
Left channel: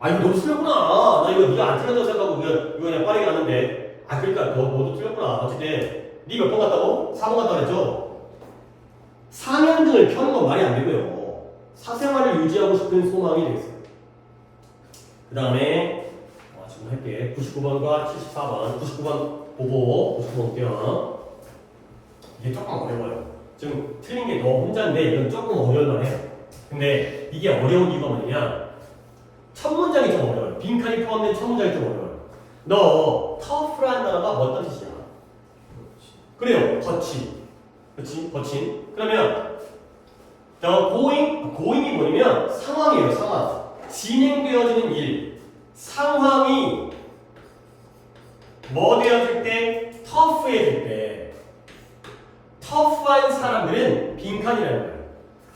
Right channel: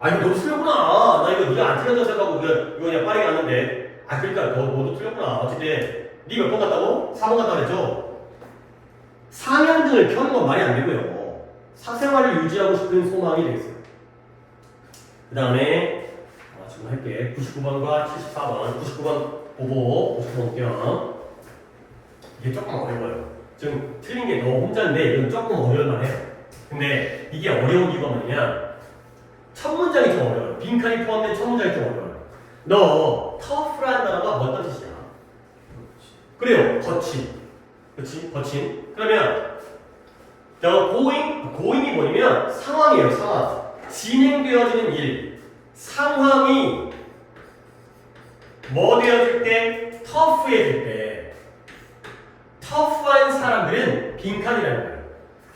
안 이거 너도 틀렸구나. 나 이거 네가 안 틀렸다고 생각하고 이거 그냥 빠르게 갔는데. 그러니까 너도 틀렸구나. 어쨌든 네 몇 번 갔다고? 4번 갔다 그랬죠? 상향등을 켜는 건 말이 안 되고요. 사생활을 유지하고 싶은 소망이 되겠어요. 그 다음에 지금 할게. 99번과 74번. 99번 보고 99번 볼게요. 이게 조금 어려워요. 지금 틀린 게 너 혼자인데 이건 조금 어려울만 해. 근데 이게 어려운 이유가 뭐냐면 첫 문장이 좀 어려워요. 빈칸이 포함된 첫 문장이 좀 어려워요. 너 tough라는 단어가 어떤 뜻이야? 그래요. 거친. 그치? 거친. 그러면 going이 뭐냐면 상황이에요. 상황. 진행되어지는 일. 상황이 뭐 되어질 때? tough해질 때. 터프한 사람들은 빈칸이라는 거예요.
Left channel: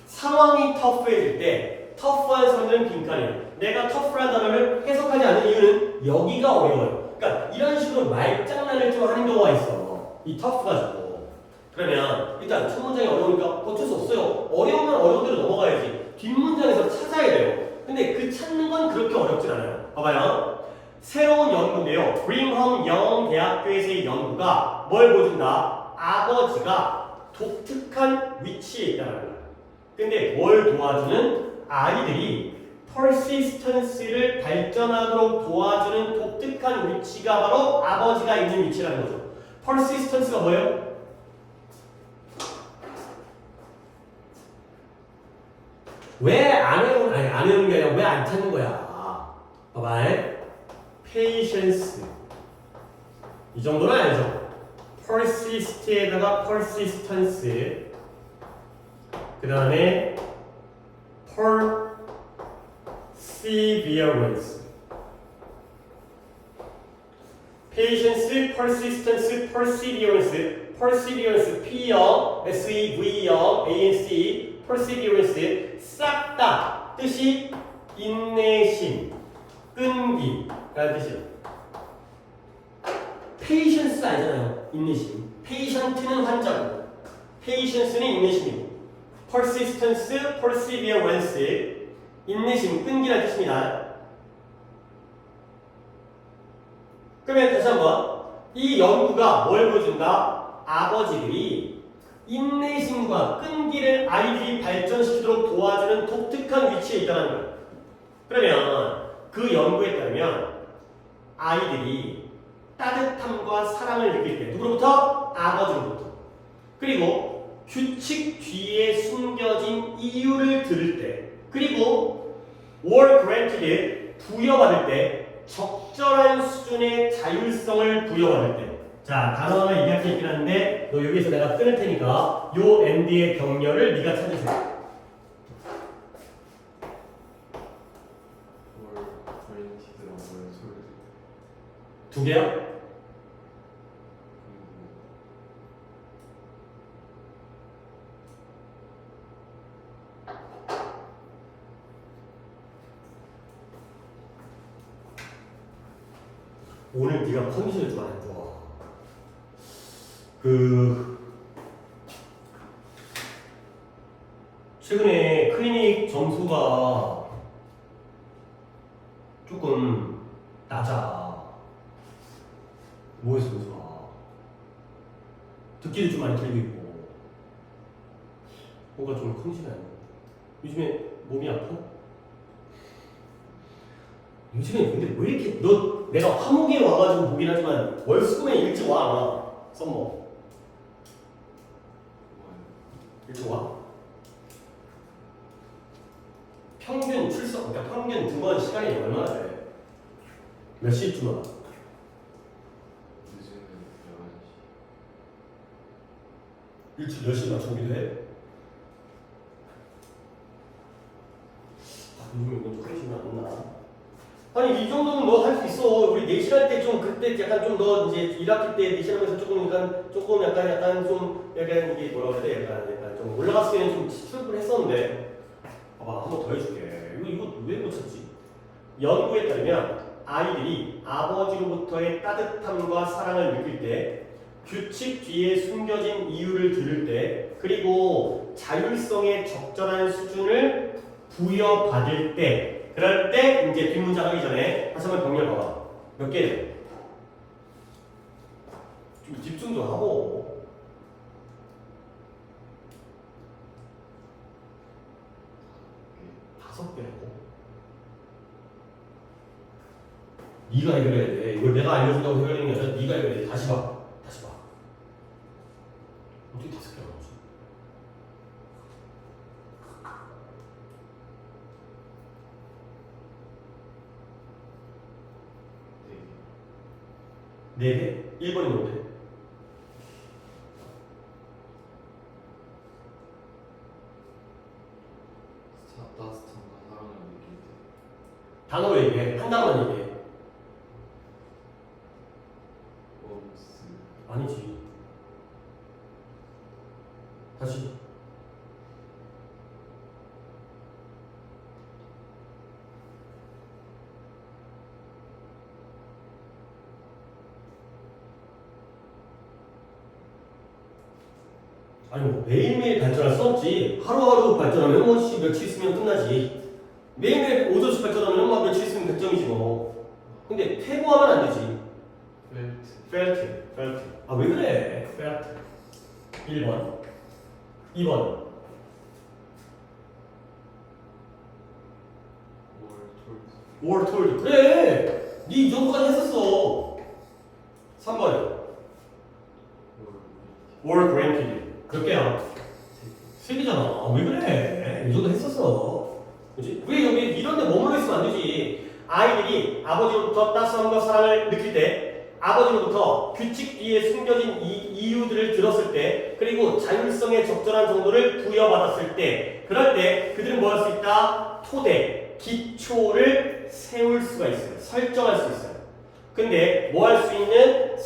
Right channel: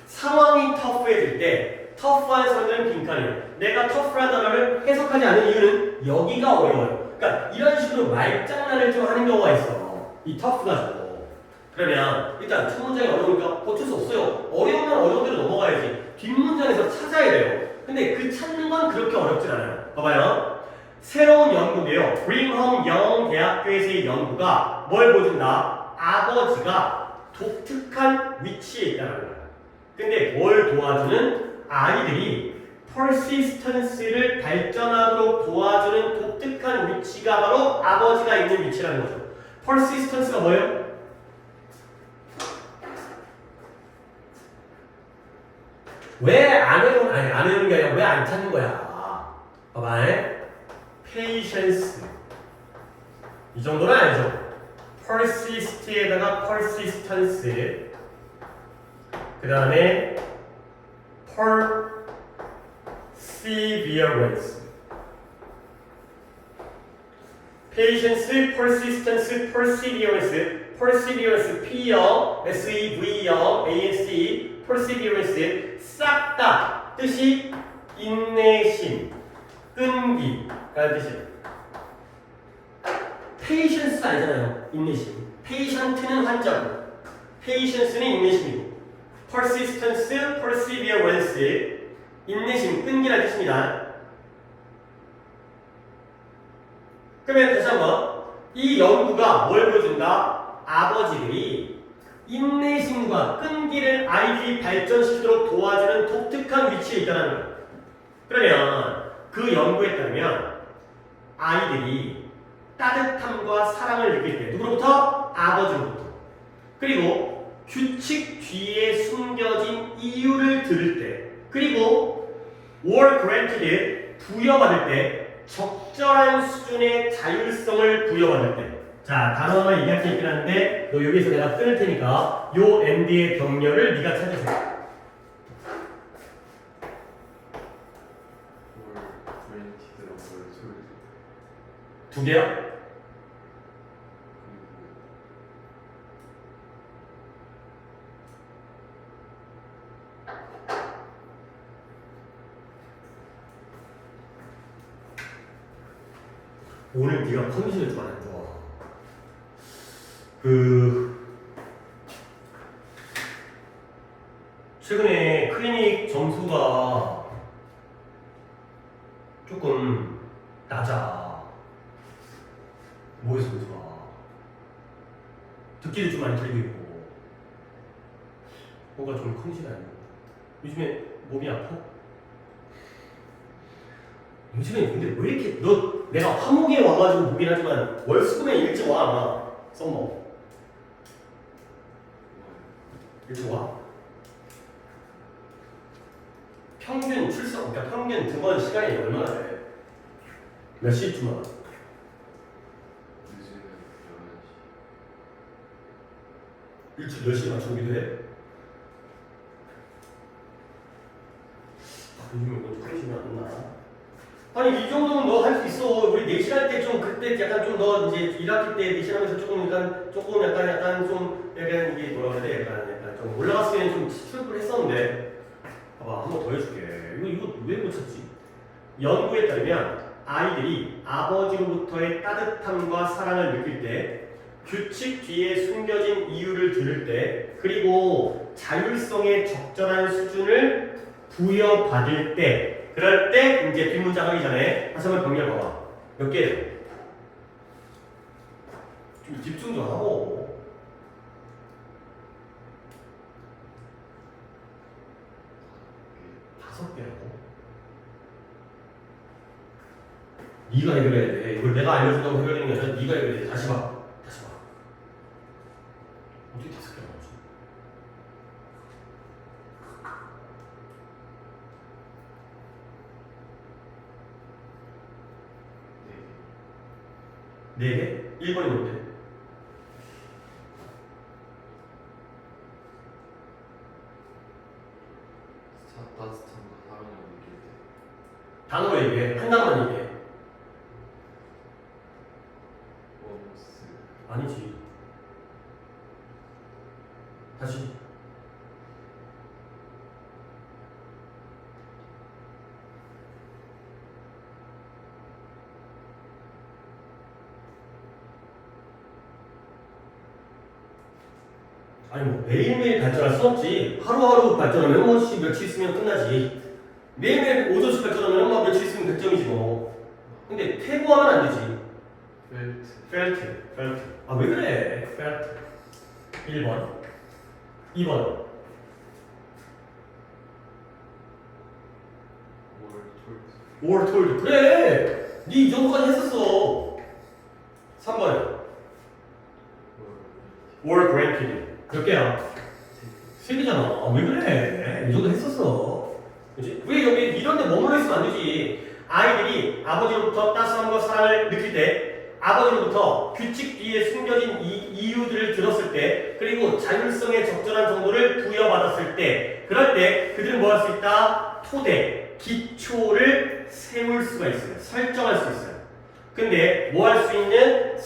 상황이 터프해질 때 터프한 사람들은 빈칸이에요. 내가 터프한 단어를 해석하지 않는 이유는 여기가 어려워요. 그러니까 이런 식으로 말장난을 좀 하는 경우가 있어. 이 터프가 있고. 그러면 일단 첫 문장이 어려우니까 어쩔 수 없어요. 어려우면 어려운 대로 넘어가야지. 뒷문장에서 찾아야 돼요. 근데 그 찾는 건 그렇게 어렵진 않아요. 봐봐요. 새로운 연구인데요. 브링엄 영대학교에서의 연구가 뭘 보여준다? 아버지가 독특한 위치에 있다는 거예요. 근데 뭘 도와주는? 아이들이 persistence를 발전하도록 도와주는 독특한 위치가 바로 아버지가 있는 위치라는 거죠. persistence가 뭐예요? 왜 안 해오는, 안 해오는 게 아니라 왜 안 찾는 거야? 봐봐. patience. 이 정도는 알죠? persist에다가 persistence. 그 다음에 perseverance. patience, persistence, perseverance. perseverance, P요, SEV요, ANC, perseverance. 싹 다 뜻이 인내심, 끈기 라는 뜻이에요. patience 아니잖아요. 인내심. patient는 환자고, patience는 인내심이고, persistence, perseverance, 인내심, 끈기라는 뜻입니다. 그러면 다시 한번 이 연구가 뭘 보여준다? 아버지들이 인내심과 끈기를 아이들이 발전시키도록 도와주는 독특한 위치에 있다는 거예요. 그러면 그 연구에 따르면 아이들이 따뜻함과 사랑을 느낄 때 누구로부터? 아버지로부터. 그리고 규칙 뒤에 숨겨진 이유를 들을 때, 그리고 were granted 부여받을 때, 적절한 수준의 자율성을 부여받을 때. 자, 단어만 얘기할 게 있긴 한데 너 여기서 내가 끊을 테니까 요 엔드의 병렬을 네가 찾으세요. 두 개요? 오늘 네가 컨디션이 좀 안 좋아. 최근에 클리닉 점수가 조금 낮아. 뭐에서 점수가? 듣기도 좀 많이 들리고 있고. 뭔가 좀 컨디션이 안 좋아. 요즘에 몸이 아파? 요즘에 근데 왜 이렇게 내가 화목에 와가지고 보긴 하지만 월수금에 일찍 와. 썸머 일찍 와. 평균 출석, 그러니까 평균 등원 시간이 얼마나 돼? 몇 시쯤 와? 일찍 10시에 맞추기도 해? 요즘에 뭐 컨디션이 안 나. 아니 이 정도는 너 할 수 있어. 우리 내신 할 때 좀 그때 약간 좀 너 이제 1학기 때 내신하면서 조금 약간 좀 약간 이게 뭐라 그래야 돼? 약간 좀 올라갔을 때는 좀 슬프를 했었는데 봐봐 한 번 더 해줄게. 이거 왜 못 찾지? 연구에 따르면 아이들이 아버지로부터의 따뜻함과 사랑을 느낄 때, 규칙 뒤에 숨겨진 이유를 들을 때, 그리고 자율성의 적절한 수준을 부여받을 때, 그럴 때 이제 뒷문장 하기 전에 다시 한번 병렬 봐봐. 몇 개예요? 좀 집중 좀 하고. 다섯 개라고? 네가 해결해야 돼. 이걸 내가 알려준다고 해결되는 게 아니라 네가 해결해야 돼. 다시 봐. 어떻게 다섯 개가 나오지? 네 개? 1번이 뭔데? 따뜻함과 사랑을 느낄 때. 단어로 얘기해. 한 단어만 얘기해. 웜스. 아니지. 다시. 아니 뭐 매일매일 발전할 수 없지. 하루하루 발전하면 며칠 있으면 끝나지. 매일매일 5점씩 발전하면 뭐 며칠 있으면 100점이지 뭐. 근데 퇴보하면 안 되지. felt. 아 왜 그래? felt. 1번. 2번. were told. 그래. 네 이 정도까지 했었어. 3번. were granted. 몇 개야? 3개잖아. 왜 그래? 이 정도 했었어. 그치? 왜 여기 이런 데 머물러 있으면 안 되지. 아이들이 아버지로부터 따스함과 사랑을 느낄 때, 아버지로부터 규칙 뒤에 숨겨진 이유들을 들었을 때, 그리고 자율성의 적절한 정도를 부여받았을 때, 그럴 때 그들은 뭐 할 수 있다? 토대, 기초를 세울 수가 있어요. 설정할 수 있어요. 근데 뭐 할 수 있는?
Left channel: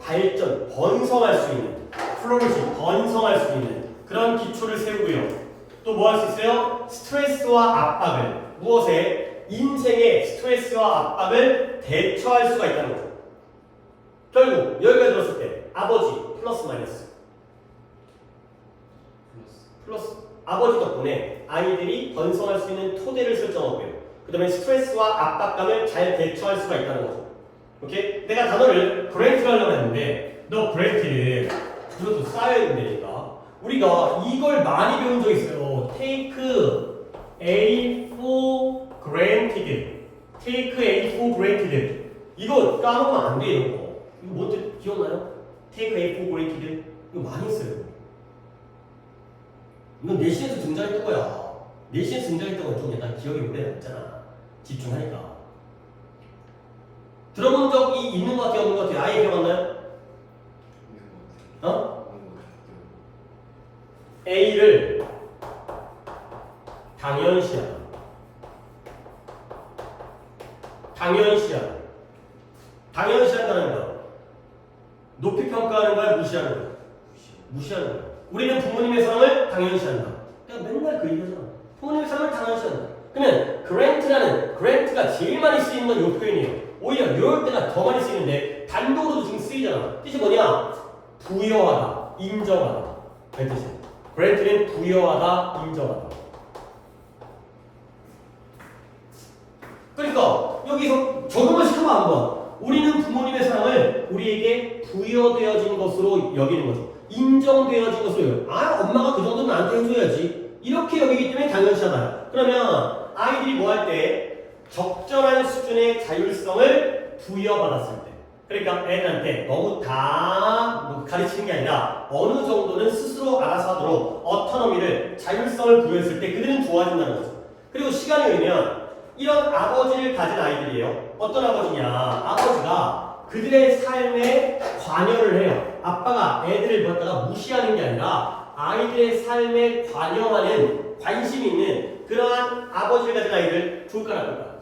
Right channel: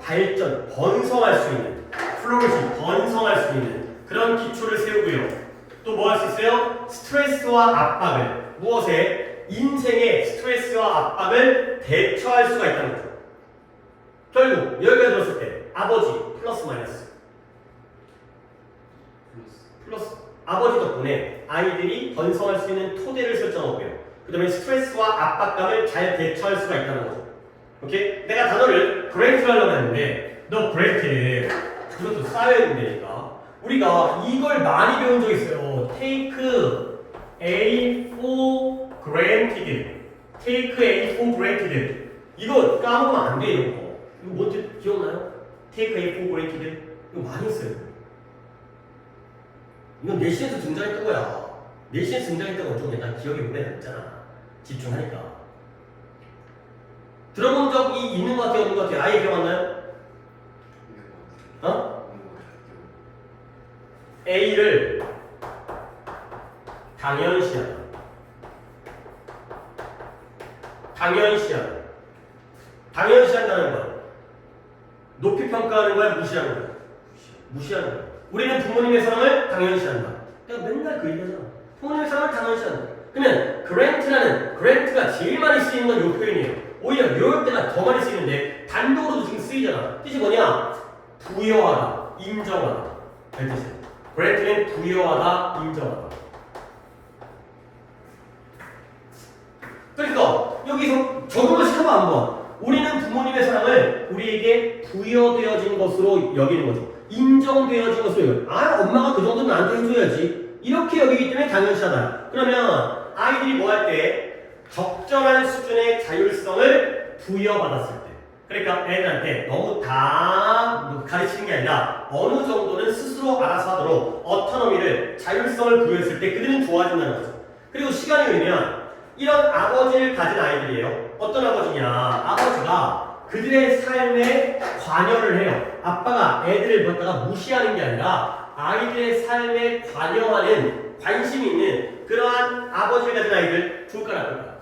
발전, 번성할 수 있는, 플로리시, 번성할 수 있는 그런 기초를 세우고요. 또 뭐 할 수 있어요? 스트레스와 압박을, 무엇에? 인생의 스트레스와 압박을 대처할 수가 있다는 거죠. 결국 여기까지 들었을 때 아버지, 플러스 마이너스? 플러스. 플러스. 아버지 덕분에 아이들이 번성할 수 있는 토대를 설정하고요. 그 다음에 스트레스와 압박감을 잘 대처할 수가 있다는 거죠. 오케이? 내가 단어를 그랜트 하려고 했는데 너 그랜트를 이것도 쌓여야 된다니까. 우리가 이걸 많이 배운 적 있어요. Take A for granted. Take A for granted. 이거 까먹으면 안 돼, 이런 거. 이거 뭔지 기억나요? Take A for granted. 이거 많이 했어요. 이건 내신에서 등장했던 거야. 내신에서 등장했던 건 좀 약간 기억이 오래 남잖아. 집중하니까. 들어본 적이 있는 것 같아요, 없는 것 같아요? 아예 기억 안 나요? 있는 것 같아요. 어? 있는 것 같아요. A를 당연시하다. 당연시하다. 당연시한다는 건 높이 평가하는 거야, 무시하는 거야? 무시하는 거야. 우리는 부모님의 사랑을 당연시한다. 그냥 맨날 그 얘기하잖아. 부모님의 사랑을 당연시한다. 그러면 그랜트가 제일 많이 쓰이는 건 이 표현이에요. 오히려 이럴 때가 더 많이 쓰이는데 단독으로도 지금 쓰이잖아. 뜻이 뭐냐? 부여하다, 인정하다. 그 뜻이야. 그랜트는 부여하다, 인정하다. 그러니까 여기서 적용을 시켜봐 한번. 우리는 부모님의 사랑을 우리에게 부여되어진 것으로 여기는 거죠. 인정되어진 것으로 여기는 거죠. 아, 엄마가 그 정도는 나한테 해줘야지. 이렇게 여기기 때문에 당연시하다. 그러면 아이들이 뭐 할 때? 적절한 수준의 자율성을 부여받았을 때. 그러니까 애들한테 너무 다 가르치는 게 아니라 어느 정도는 스스로 알아서 하도록 어토노미를, 자율성을 부여했을 때 그들은 좋아진다는 거죠. 그리고 시간이 오면 이런 아버지를 가진 아이들이에요. 어떤 아버지냐? 아버지가 그들의 삶에 관여를 해요. 아빠가 애들을 갖다가 무시하는 게 아니라 아이들의 삶에 관여하는, 관심 있는 그러한 아버지를 가진 아이들 좋을까 나쁠까?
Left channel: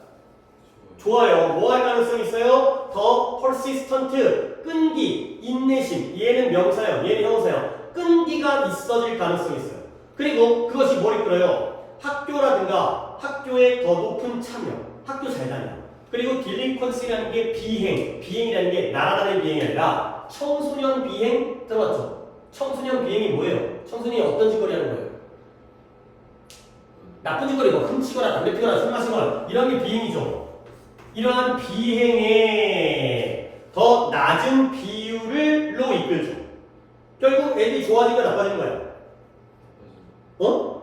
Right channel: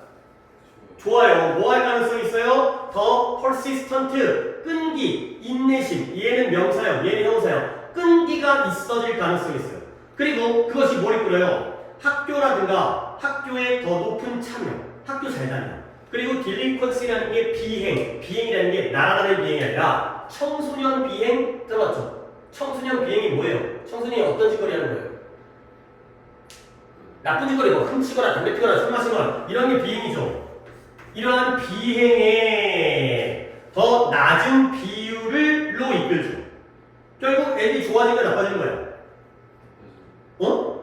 좋아요. 뭐 할 가능성이 있어요? 더 persistent, 끈기, 인내심. 얘는 명사형, 얘는 형사형. 끈기가 있어질 가능성이 있어요. 그리고 그것이 뭘 이끌어요? 학교라든가 학교에 더 높은 참여, 학교 잘 다니는. 그리고 딜링컨시라는 게 비행이라는 게 날아가는 비행이 아니라 청소년 비행 들어봤죠? 청소년 비행이 뭐예요? 청소년이 어떤 짓거리 하는 거예요? 나쁜 짓거리, 뭐 훔치거나 담배 피거나 술 마시거나 이런 게 비행이죠. 이러한 비행에 더 낮은 비율로 이끌죠. 결국 애들이 좋아지는 거야, 나빠지는 거야? 어?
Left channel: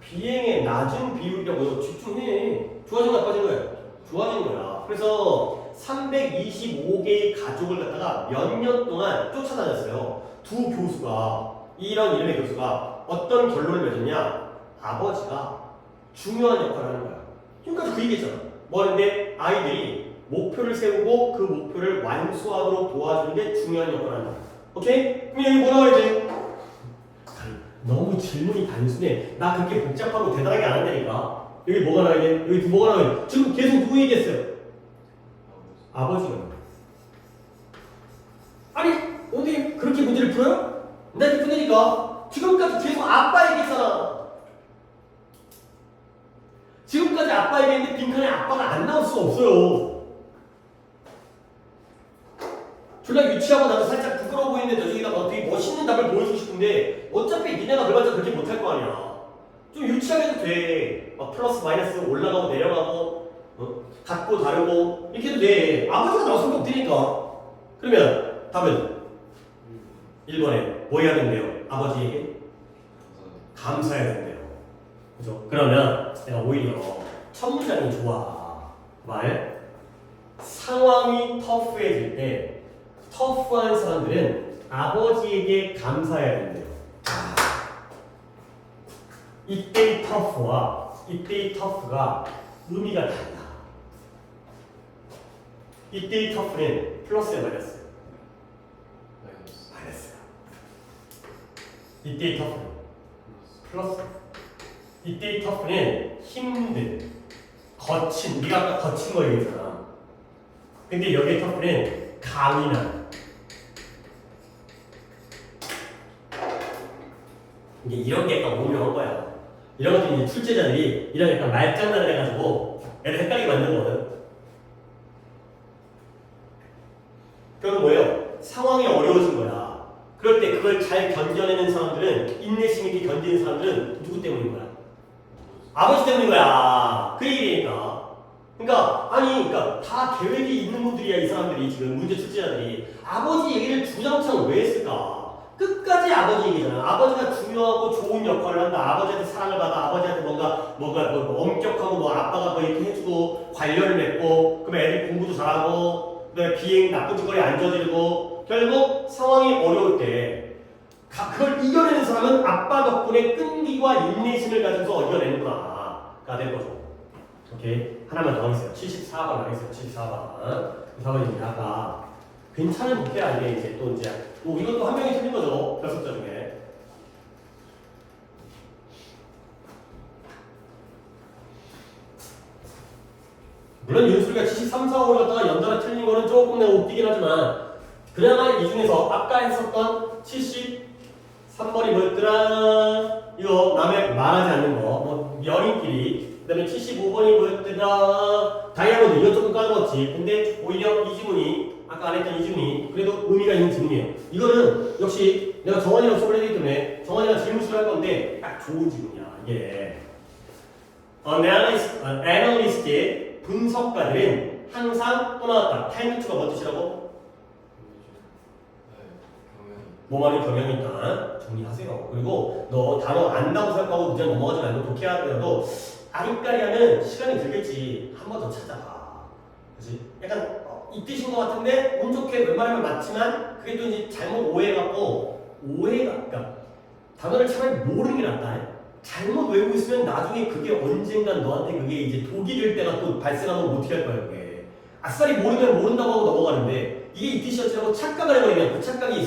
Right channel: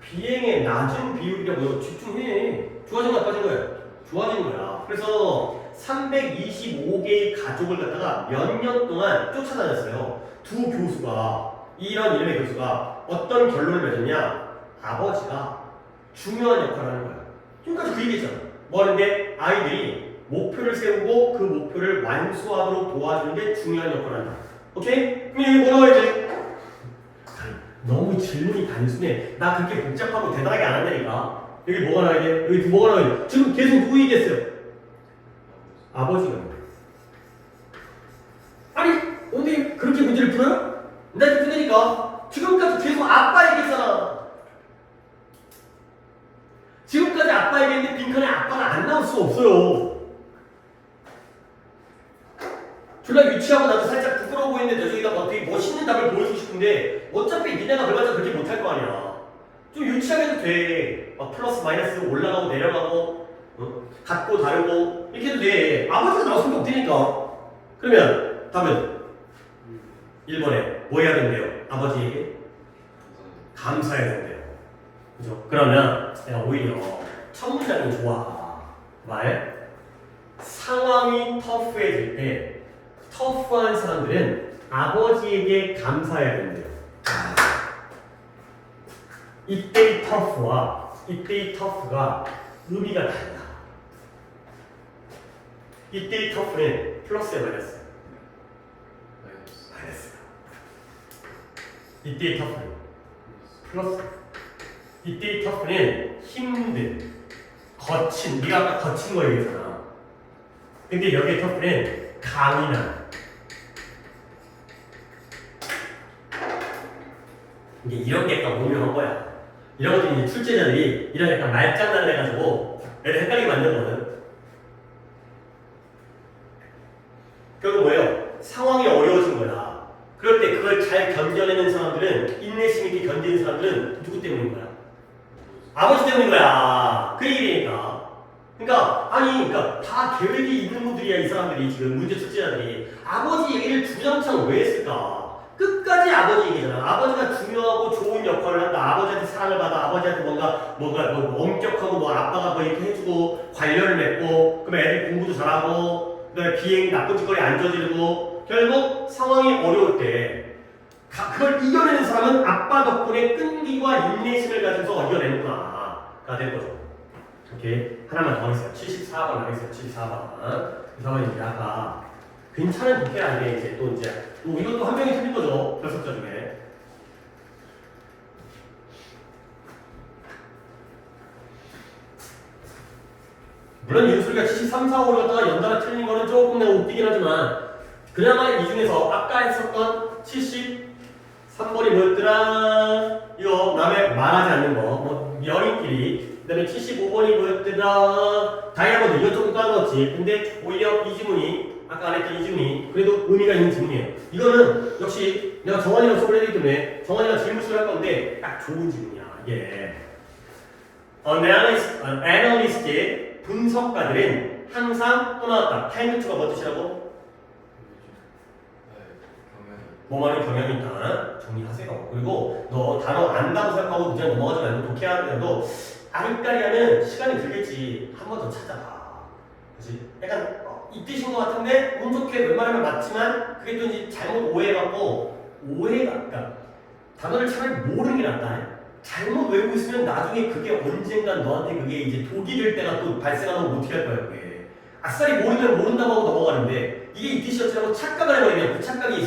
비행의 낮은 비율이라고요. 집중해. 좋아진 거 나빠진 거예요? 좋아진 거야. 그래서 325개의 가족을 갖다가 몇 년 동안 쫓아다녔어요. 두 교수가, 이런 이름의 교수가 어떤 결론을 맺었냐? 아버지가 중요한 역할을 하는 거야. 지금까지 그 얘기했잖아. 뭐 하는데? 아이들이 목표를 세우고 그 목표를 완수하도록 도와주는 게 중요한 역할을 한다. 오케이? 그럼 여기 뭐 나와야 돼? 너무 질문이 단순해. 나 그렇게 복잡하고 대단하게 안 한다니까. 여기 뭐가 나와야 돼? 여기 뭐가 나와야 돼? 지금 계속 누구 얘기했어요? 아버지가. 아니, 어디 그렇게 문제를 풀어요? 나 이렇게 푸니까 지금까지 계속 아빠 얘기했잖아. 지금까지 아빠 얘기했는데 빈칸에 아빠가 안 나올 수가 없어요. 졸라 유치하고 나도 살짝 부끄러워 보이는데 저쪽에다가 어떻게 멋있는 답을 보여주고 싶은데 어차피 니네가 그래봤자 그렇게 못할 거 아니야. 좀 유치하게 해도 돼. 막 플러스 마이너스 올라가고 내려가고 같고 다르고 이렇게 해도 돼. 아버지가 나왔을 게 없으니까. 그러면 답은 1번에 뭐 해야 된대요? 아버지에게 감사해야 된대요. 그죠? 그러면 내가 오히려 첫 문장이 좋아. 말 상황이 터프해질 때 터프한 사람들은 아버지에게 감사해야 된대요. 이때의 터프와 이때의 터프가 의미가 달라. 이때의 터프는 플러스에 마이너스. 마이너스가. 이때의 터프는 플러스. 이때의 터프는 힘든, 거친, 네가 아까 거친 거 얘기했잖아. 근데 여기의 터프는 강인한. 이게 이런 게 약간 오묘한 거야. 이런 것들이 이제 출제자들이 이런 약간 말장난을 해가지고 애들 헷갈리게 만드는 거거든. 결국 뭐예요? 상황이 어려워진 이겨내는 사람들은 인내심 있게 견디는 사람들은 누구 때문인 거야? 아버지 때문인 거야. 그 얘기니까. 그러니까 다 계획이 있는 분들이야. 이 사람들이 지금 문제 출제자들이 아버지 얘기를 주장창 왜 했을까? 끝까지 아버지 얘기잖아. 아버지가 중요하고 좋은 역할을 한다. 아버지한테 사랑을 받아. 아버지한테 뭔가 뭐 엄격하고 뭐 아빠가 뭐 이렇게 해주고 관련을 맺고 그러면 애들 공부도 잘하고 그다음에 비행 나쁜 짓거리 안 저지르고 결국 상황이 어려울 때 그걸 이겨내는 사람은 아빠 덕분에 끈기와 인내심을 가지고서 이겨내는구나가 된 거죠. 오케이. 하나만 더 하겠어요. 74번 하겠어요. 74번. 4번이 이제 아까 괜찮은 독해 아니에요. 이제 또 이것도 한 명이 틀린 거죠. 결석자 중에. 물론 윤수리가 73, 4, 5를 갖다가 연달아 틀린 거는 조금 내가 웃기긴 하지만 그나마 이 중에서 아까 했었던 73번이 뭐였더라? 이거 남의 말하지 않는 거. 뭐 연인끼리. 그 다음에 75번이 뭐였더라? 다이아몬드. 이거 조금 까먹었지. 근데 오히려 이 지문이 아까 안 했던 이 지문이 그래도 의미가 있는 지문이에요. 이거는 역시 내가 정환이랑 수업을 했기 때문에 정환이랑 질문수를 할 건데 딱 좋은 지문이야. 이게. 애널리스트의 분석가들은 항상 또 나왔다. 타임루트가 뭐 뜻이라고? 뭐 말은 경향이 있다. 정리하세요. 그리고 너 단어 안다고 생각하고 그냥 넘어가지 말고 독해하더라도 아리까리하면 시간이 들겠지. 한 번 더 찾아봐. 그렇지? 약간 이 뜻인 것 같은데 운 좋게 웬만하면 맞지만 그게 또 이제 잘못 오해해갖고 그러니까 단어를 차라리 모르는 게 낫다. 잘못 외우고 있으면 나중에 그게 언젠간 너한테 그게 이제 독이 될 때가 또 발생하면 어떻게 할 거야 그게. 아싸리 모르면 모른다고 하고 넘어가는데 이게 이 뜻이었지라고 착각을 해버리면 그 착각이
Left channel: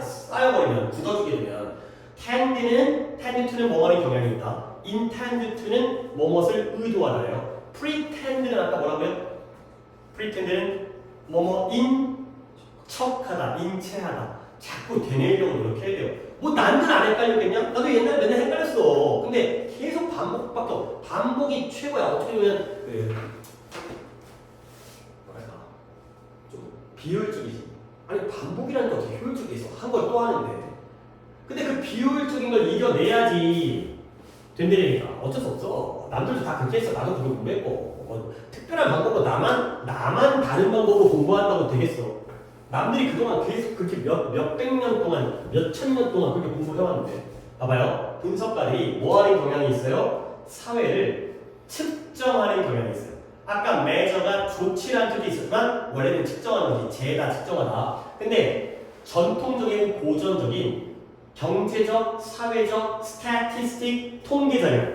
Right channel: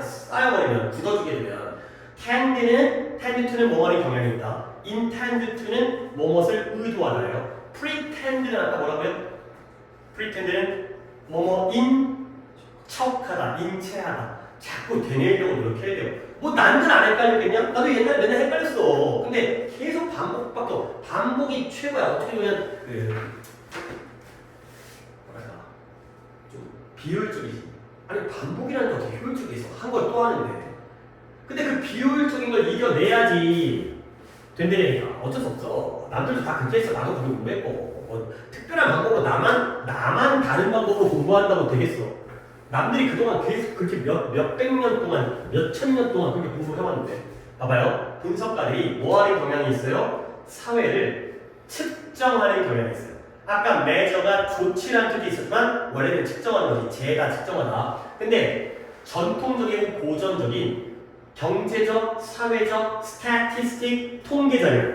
쌓여버리면 굳어지게 되면 tend to는 뭐뭐의 경향이 있다. intend to는 뭐뭇을 의도하다예요. pretend는 아까 뭐라고요? pretend는 뭐뭐인 척하다, 인체하다. 자꾸 되뇌이려고 노력해야 돼요. 뭐 난들 안 헷갈렸겠냐? 나도 옛날에 맨날 헷갈렸어. 근데 계속 반복이 최고야. 어떻게 보면 뭐랄까 좀 비효율적이지. 아니 반복이라는 게 어떻게 효율적이겠어? 한 걸 또 하는데. 근데 그 비효율적인 걸 이겨내야지 된다니까. 어쩔 수 없어. 남들도 다 그렇게 했어. 나도 그거 공부했고. 뭐 특별한 방법으로 나만 다른 방법으로 공부한다고 되겠어. 남들이 그동안 계속 그렇게 몇백 년 동안, 몇천 년 동안 그렇게 공부를 해왔는데. 봐봐요. 분석가들이 뭐 하는 경향이 있어요? 사회를 측정하는 경향이 있어요. 아까 measure가 좋지 않은 뜻이 있었지만 원래는 측정하는 거지. 재다 측정하다. 근데 전통적인 고전적인 경제적, 사회적, 스태티스틱 통계 자료,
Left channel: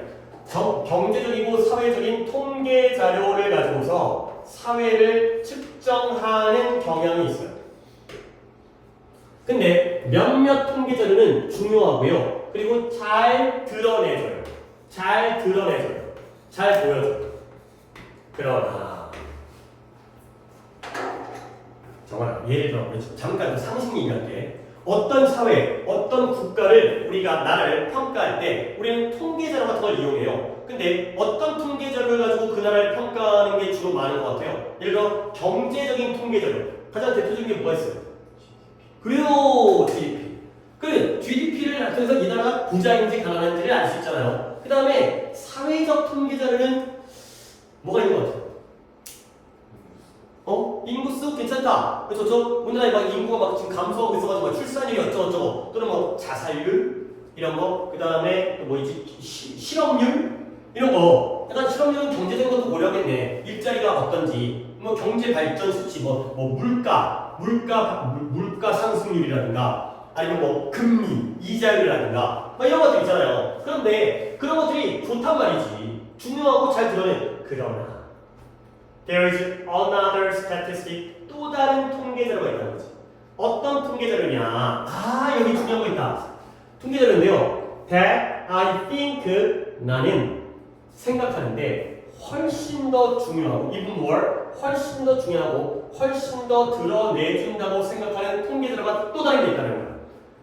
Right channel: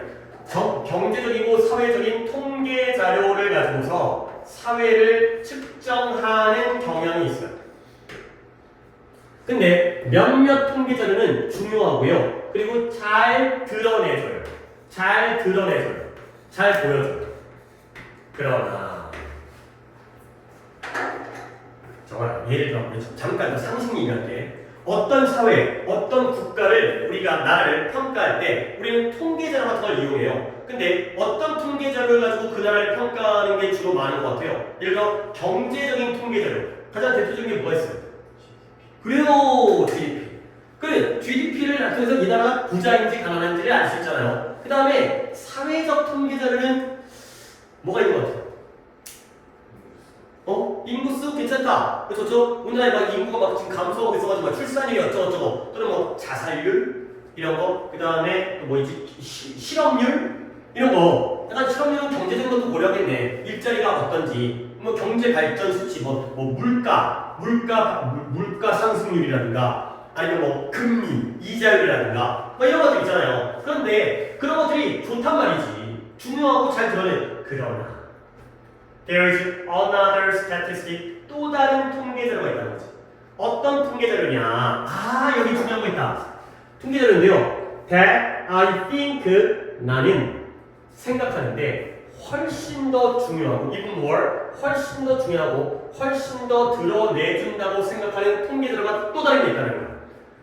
경제적이고 사회적인 통계 자료를 가지고서 사회를 측정하는 경향이 있어요. 근데 몇몇 통계 자료는 중요하고요. 그리고 잘 드러내줘요. 잘 보여줘요. 그러나 정말 예를 들어 잠깐 상식 얘기할게. 어떤 사회, 어떤 국가를 우리가 나라를 평가할 때 우리는 통계자료 같은 걸 이용해요. 근데 어떤 통계자료를 가지고 그 나라를 평가하는 게 주로 많은 것 같아요. 예를 들어 경제적인 통계자료. 가장 대표적인 게 뭐가 있어요? 그래요, GDP. 그래, GDP를 통해서 이 나라가 부자인지 가난한지를 알 수 있잖아요. 그 다음에 사회적 통계자료는 뭐가 있는 것 같아요? 인구수 괜찮다. 그래서 우리나라에 막 인구가 막 지금 감소하고 있어가지고 출산율이 어쩌고저쩌고 또는 뭐 자살률 이런 거, 그 다음에 뭐 있지 실업률 이런 거. 약간 실업률은 경제적인 것도 고려하겠네. 일자리가 어떤지, 뭐 경제 발전 수치, 뭐 물가 상승률이라든가 아니면 뭐 금리, 이자율이라든가 뭐 이런 것들 있잖아요. 그런데 그런 것들이 좋단 말이지. 중요하고 잘 드러내. 그러나 there is another statistic. 또 다른 통계 자료가 있다는 거지. 어떤 통계 자료냐? 여기 중요한 거 있다. 통계 자료인데요. that I think 나는 생각하는데 훨씬 더 중요하고 even more 훨씬 더 중요하고 훨씬 더 드러내준다고 생각하는 통계 자료가 또 다른 게 있다는 거야.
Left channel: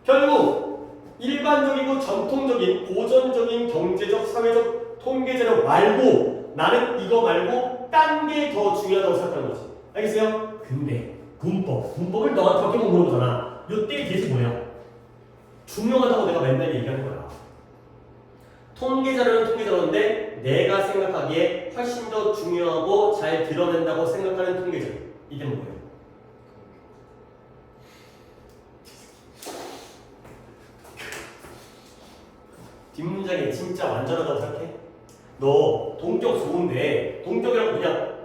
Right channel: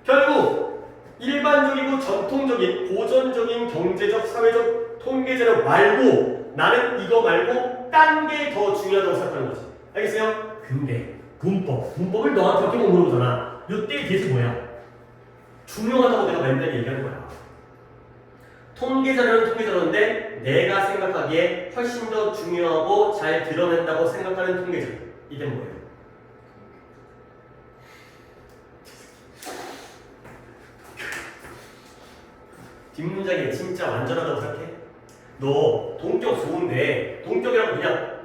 결국 일반적이고 전통적인 고전적인 경제적 사회적 통계 자료 말고 나는 이거 말고 딴 게 더 중요하다고 생각하는 거지. 알겠어요? 근데 문법을 너한테 밖에 못 물어보잖아. 요때 계속 뭐야? 중요하다고 내가 맨날 얘기하는 거야. 통계자료는 통계자료인데 내가 생각하기에 훨씬 더 중요하고 잘 드러낸다고 생각하는 통계자료. 이게 뭐예요? 뒷문장이 진짜 완전하다고 생각해? 너 동격 좋은데 동격이라고 그냥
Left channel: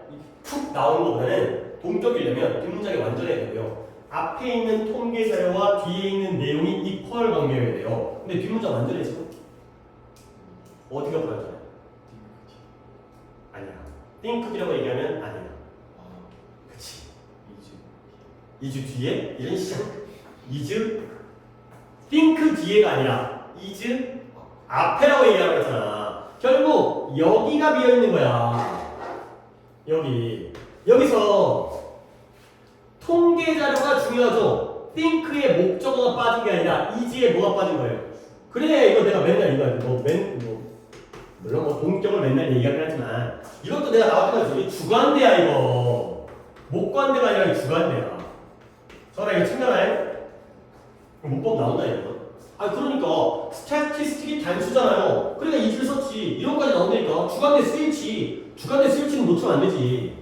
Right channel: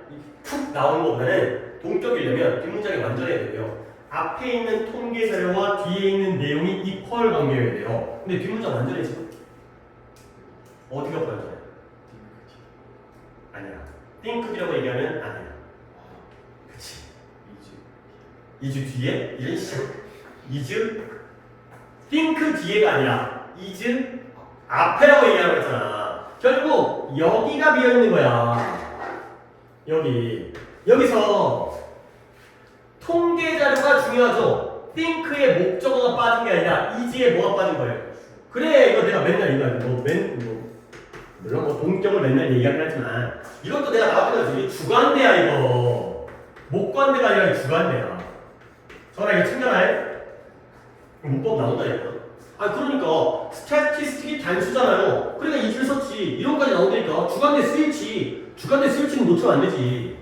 툭 나오는 것보다는 동격이려면 뒷문장이 완전해야 되고요. 앞에 있는 통계 자료와 뒤에 있는 내용이 이퀄 관계여야 돼요. 근데 뒷문장 완전해지고 어디가 불안해? 아니야. think이라고 얘기하면 아니야. 그치? 2주 뒤에? 이런 시작. 2주? think 뒤에가 아니라 2주 앞에라고 얘기하고 있잖아. 결국 여기가 비어있는 거야. 여기서 통계 자료가 중요하죠. think의 목적어가 빠진 게 아니라 is에 뭐가 빠진 거예요. 그래 이거 내가 맨날 이거 물론 뭐 동격을 맨날 얘기하긴 하지만 이것도 내가 나왔던 거지. 주관대야 이거. 목관대가 아니라 주관대야. 저라 이거 챙겨놔요. 문법 나온다 이거. 그러니까 스태티스틱이 단수잖아요. 그러니까 이 줄 썼지. 이런까지 나온다니까. 주관대 스위치. 주관대 스위치는 놓치면 안 되지.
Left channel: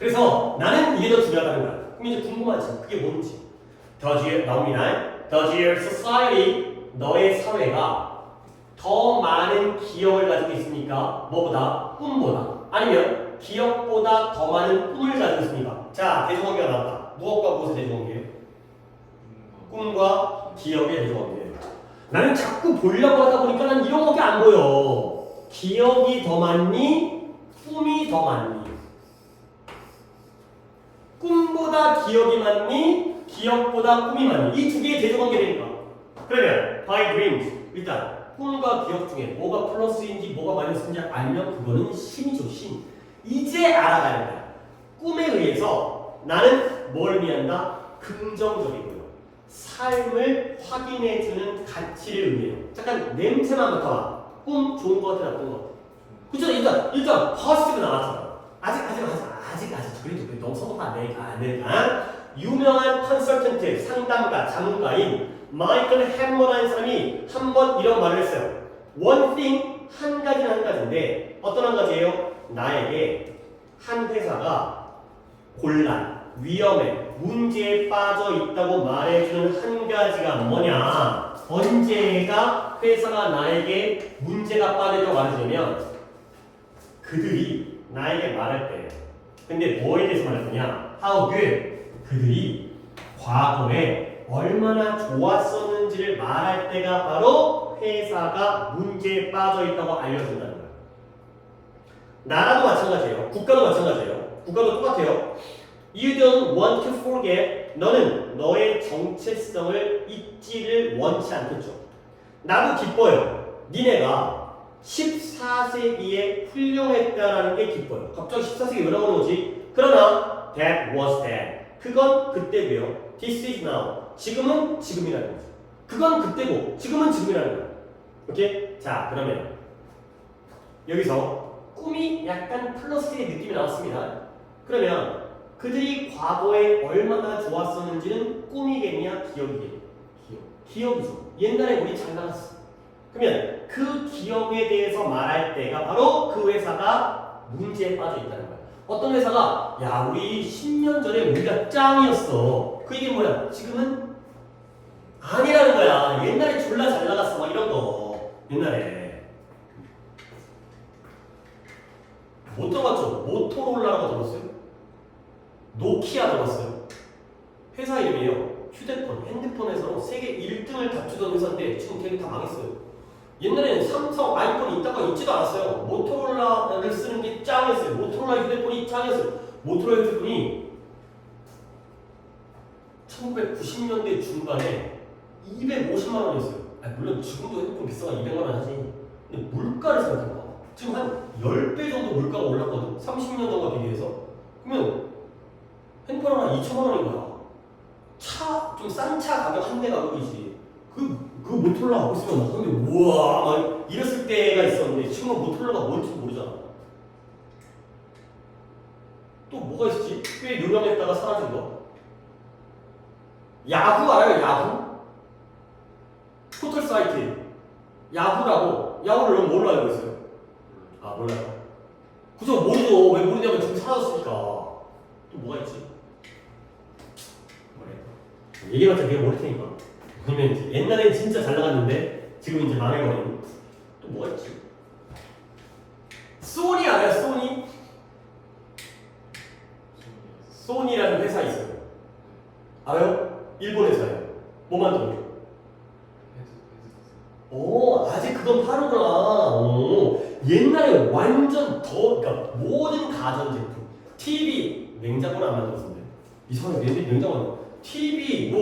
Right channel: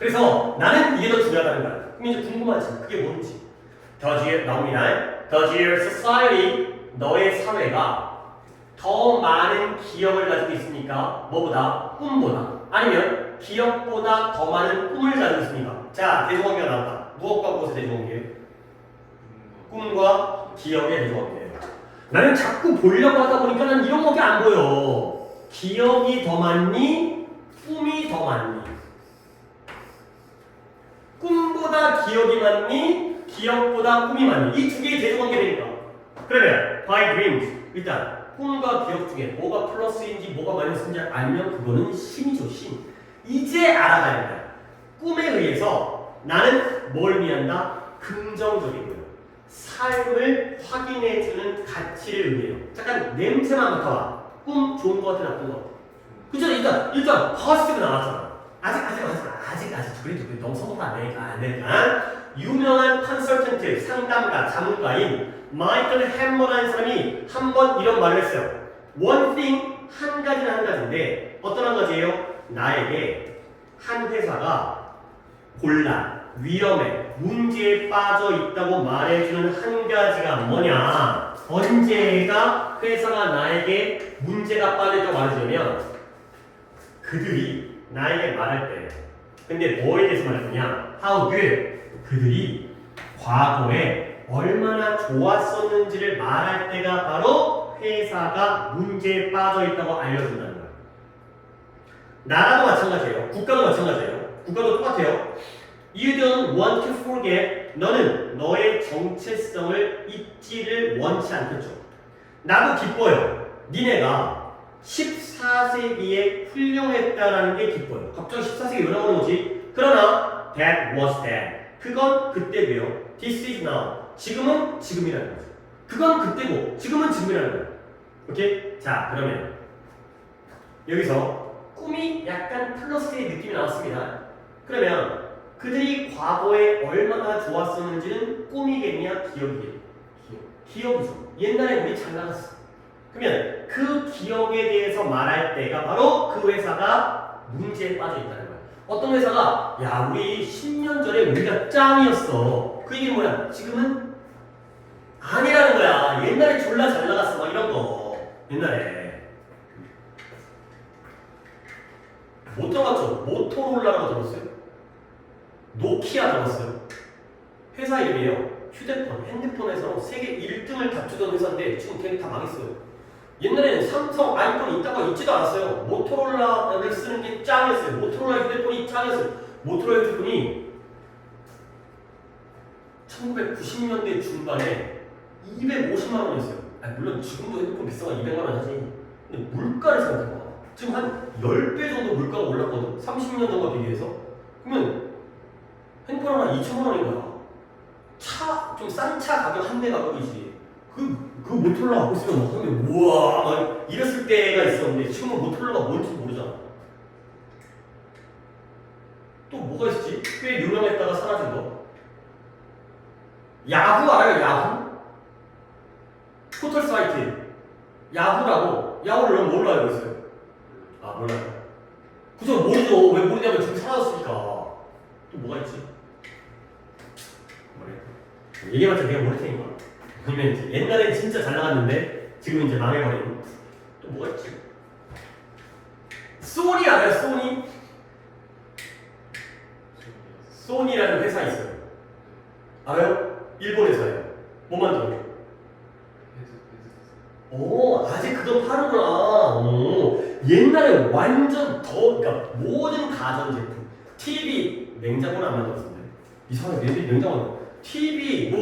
그래서 나는 이게 더 중요하다는 거야. 그럼 이제 궁금하지. 그게 뭔지. Does your 나옵니다. Does your society 너의 사회가 더 많은 기억을 가지고 있습니까? 뭐보다? 꿈보다. 아니면 기억보다 더 많은 꿈을 가지고 있습니까? 자, 대조관계가 나왔다. 무엇과 무엇의 대조관계? 꿈과 기억의 대조관계예요. 나는 자꾸 보려고 하다 보니까 난 이런 거밖에 안 보여. 기억이 더 많니? 꿈이 더 많니? 꿈보다 기억이 많니? 기억보다 꿈이 많니? 이 두 개의 대조관계니까. 그러면 by dreams 일단 꿈과 기억 중에 뭐가 플러스인지 뭐가 마이너스인지 알면 그거는 신이죠, 신. 이제 알아가야 돼. 꿈에 의해서 나는 뭘 의미한다? 긍정적이고요. 삶을 확인해주는 가치를 의미해요. 잠깐 냄새만 맡아봐. 꿈 좋은 거 같아, 나쁜 거 같아? 그죠? 일단 퍼스티브 나왔잖아. 아직. 그래도 너무 성공 안 되니까. 유명한 컨설턴트, 상담가, 자문가인 마이클 햄머라는 사람이 한 번 이런 말을 했어요. One thing, 한 가지는 한 가지인데 어떤 한 가지예요? 나에게 한 회사가 곤란, 위험해, 문제에 빠져 있다고 말해주는 한 가지가 뭐냐? 언제가 회사가 나에게 문제가 빠졌다고 말해주면 그들이 나에게 말할 때 근데 뭐에 대해서 말했느냐? How good? 그들이 과거에 얼마나 좋았었는지를 말할 때가 바로 회사가 문제에 빠져 있다고 알려준다는 거예요. 나라도 마찬가지예요. 국가도 마찬가지예요. 국가도 똑같아요. You don't want to forget. 너는 너의 정체성을 잊지를 원치 않겠죠. 나도 기뻐요. 니네가 14세기에 훌륭했다라는 게 기뻐요. 갑자기 14세기 왜 나오는 거지? 그러나 that was then. 그건 그때고요. This is now. 지금은 지금이라는 거죠. 그건 그때고 지금은 지금이라는 거예요. 오케이? 자, 그러면 여기서 꿈이 약간 플러스의 느낌이 나왔습니다. 그러면 그들이 과거에 얼마나 좋았었는지는 꿈이겠냐 기억이겠냐? 기억이죠. 옛날에 우리 잘 나갔어. 그러면 그 기억에 대해서 말할 때가 바로 그 회사가 문제에 빠져 있다는 거예요. 어떤 회사가 야 우리 10년 전에 우리가 짱이었어. 그 얘기는 뭐야? 지금은 아니라는 거야. 옛날에 졸라 잘 나갔어. 막 이런 거. 옛날에 못 들어봤죠? 모토로라라고 들었어요? 노키아 들었어요? 회사 이름이에요. 휴대폰, 핸드폰에서 세계 1등을 다투던 회사인데 지금 걔네 다 망했어요. 옛날에는 삼성, 아이폰이 있다가 있지도 않았어요. 모토로라를 쓰는 게 짱이었어요. 모토로라 휴대폰이 짱이었어요. 모토로라 휴대폰이 1990년대 중반에 250만 원이었어요. 물론 지금도 핸드폰 비싸가 200만 원 하지. 근데 물가를 생각해봐. 지금 한 10배 정도 물가가 올랐거든. 30년 전과 비교해서. 그러면 핸드폰 하나 2천만 원인 거야. 좀 싼 차 가격 한 대 가격이지. 그 모토로라 갖고 있으면 막 하면 우와 막 이랬을 때가 있었는데 지금은 모토로라가 뭔지 모르잖아. 또 뭐가 있었지? 꽤 유명했다가 사라진 거. 야후 알아요? 야후? 포털 사이트 야후라고. 야후를 넌 뭘로 알고 있어요? 아 몰라요. 그죠? 모르죠. 왜 모르냐면 지금 사라졌으니까. 또 뭐가 있지? 뭐래? 얘기해봤자 내가 모를 테니까. 아니면 이제 옛날엔 진짜 잘 나갔는데 지금 이제 망해버린. 또 뭐가 있지? 소니 알아요? 소니? 소니라는 회사 있어요. 알아요? 일본 회사예요. 뭐 만들어요? 오, 아직 그건 파는구나. 오, 옛날에 완전 그러니까 모든 가전제품, TV, 냉장고는 안 만들었는데 이상하게 냉장고, TV,